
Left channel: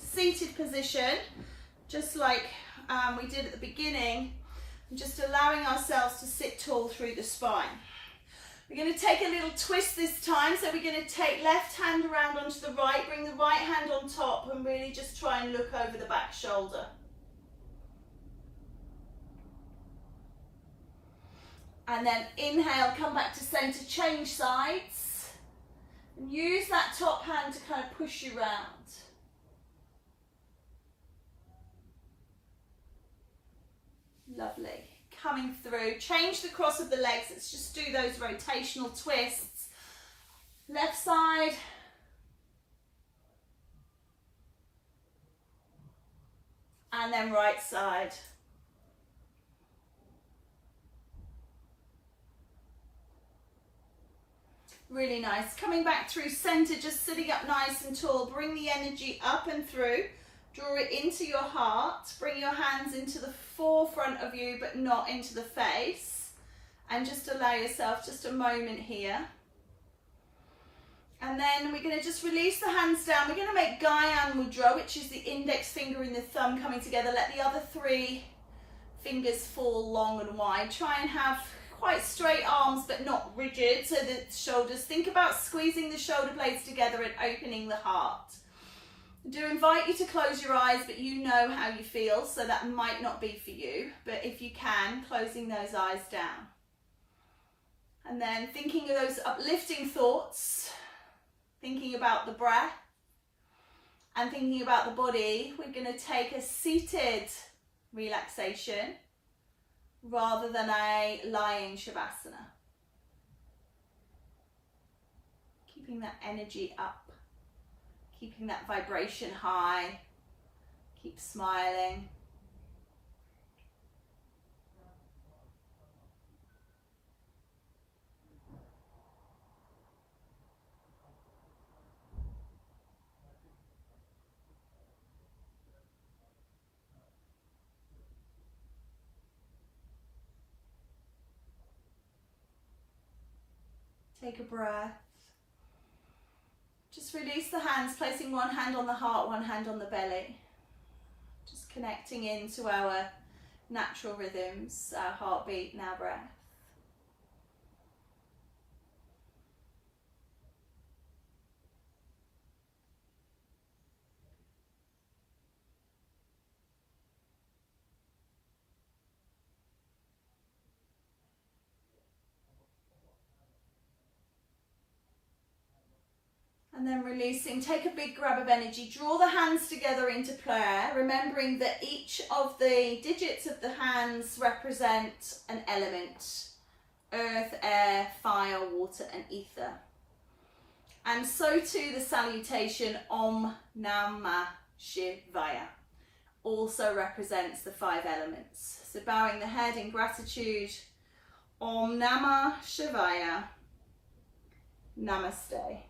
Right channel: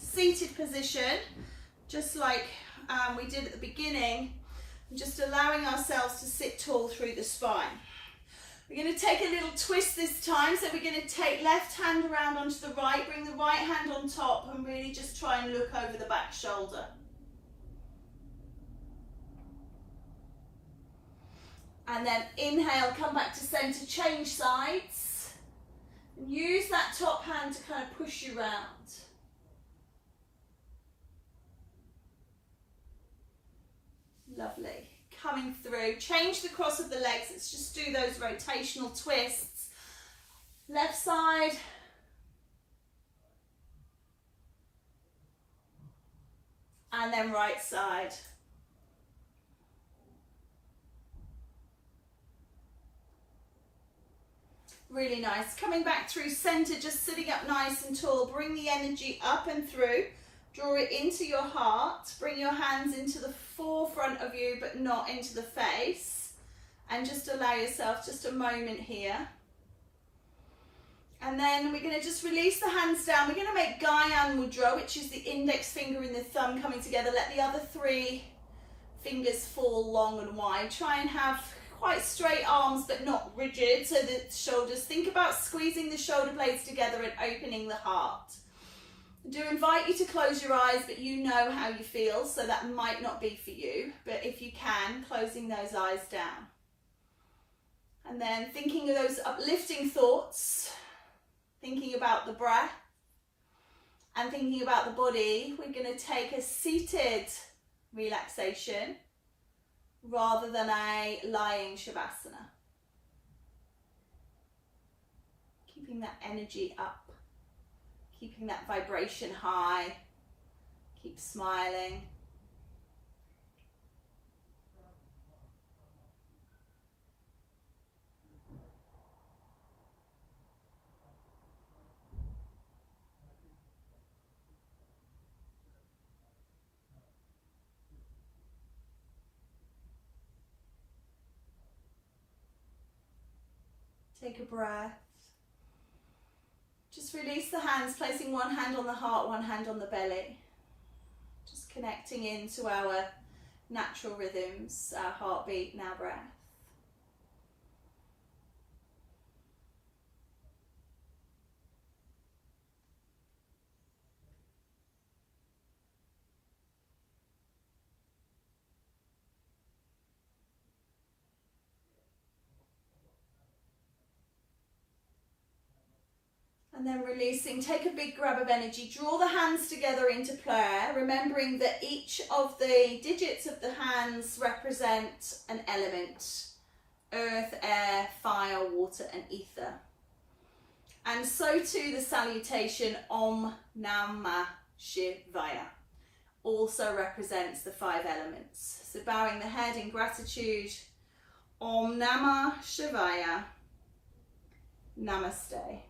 seated position, just like we did at the beginning, just allowing ourselves to sit tall through the spine. We're going to take a little twist this time, so we're going to take left hand around onto the right, bring the right hand on top, and really just try and look over the back shoulder. And then inhale, come back to center, change sides. And use that top hand to kind of push you round. Lovely. Coming through, change the cross of the legs. Let's just do those rotational twists. Left side. And then right side. Really nice. Coming back through center, just sitting up nice and tall. Bring the energy up and through. Draw it into your heart. Bring your hands into the forefront of you, but not into the face. And just allow yourself just a moment here. And then we're going to just release the hands down. We're going to make Guyan Mudra, which is the index finger and the thumb coming together. Let the other three fingers fall long and wide. Try and have quite straight arms, but not rigid. So the shoulders, think about squeezing the shoulder blades together and opening the heart. I do invite you to close your eyes, but you know how you feel, so that might not be for you. But if you can, closing those eyes down. And then thinking of those uplifting thoughts, thinking about the breath, and thinking about the body, we're going to take a seated relaxation rather than a lying Shavasana. Keeping that energy up, keeping that vibration high, keep smiling. Take a breath. Just release the hands, placing one hand on the heart, one hand on the belly. Just connecting into our natural rhythms, our heartbeat and our breath. And then releasing, take a big grab of energy, draw the hands together into prayer, remembering that each of the digits of the hands represent an element: earth, air, fire, water and ether. And so too the salutation Om Namah Shivaya also represents the 5 elements. So bowing the head in gratitude, Om Namah Shivaya, Namaste.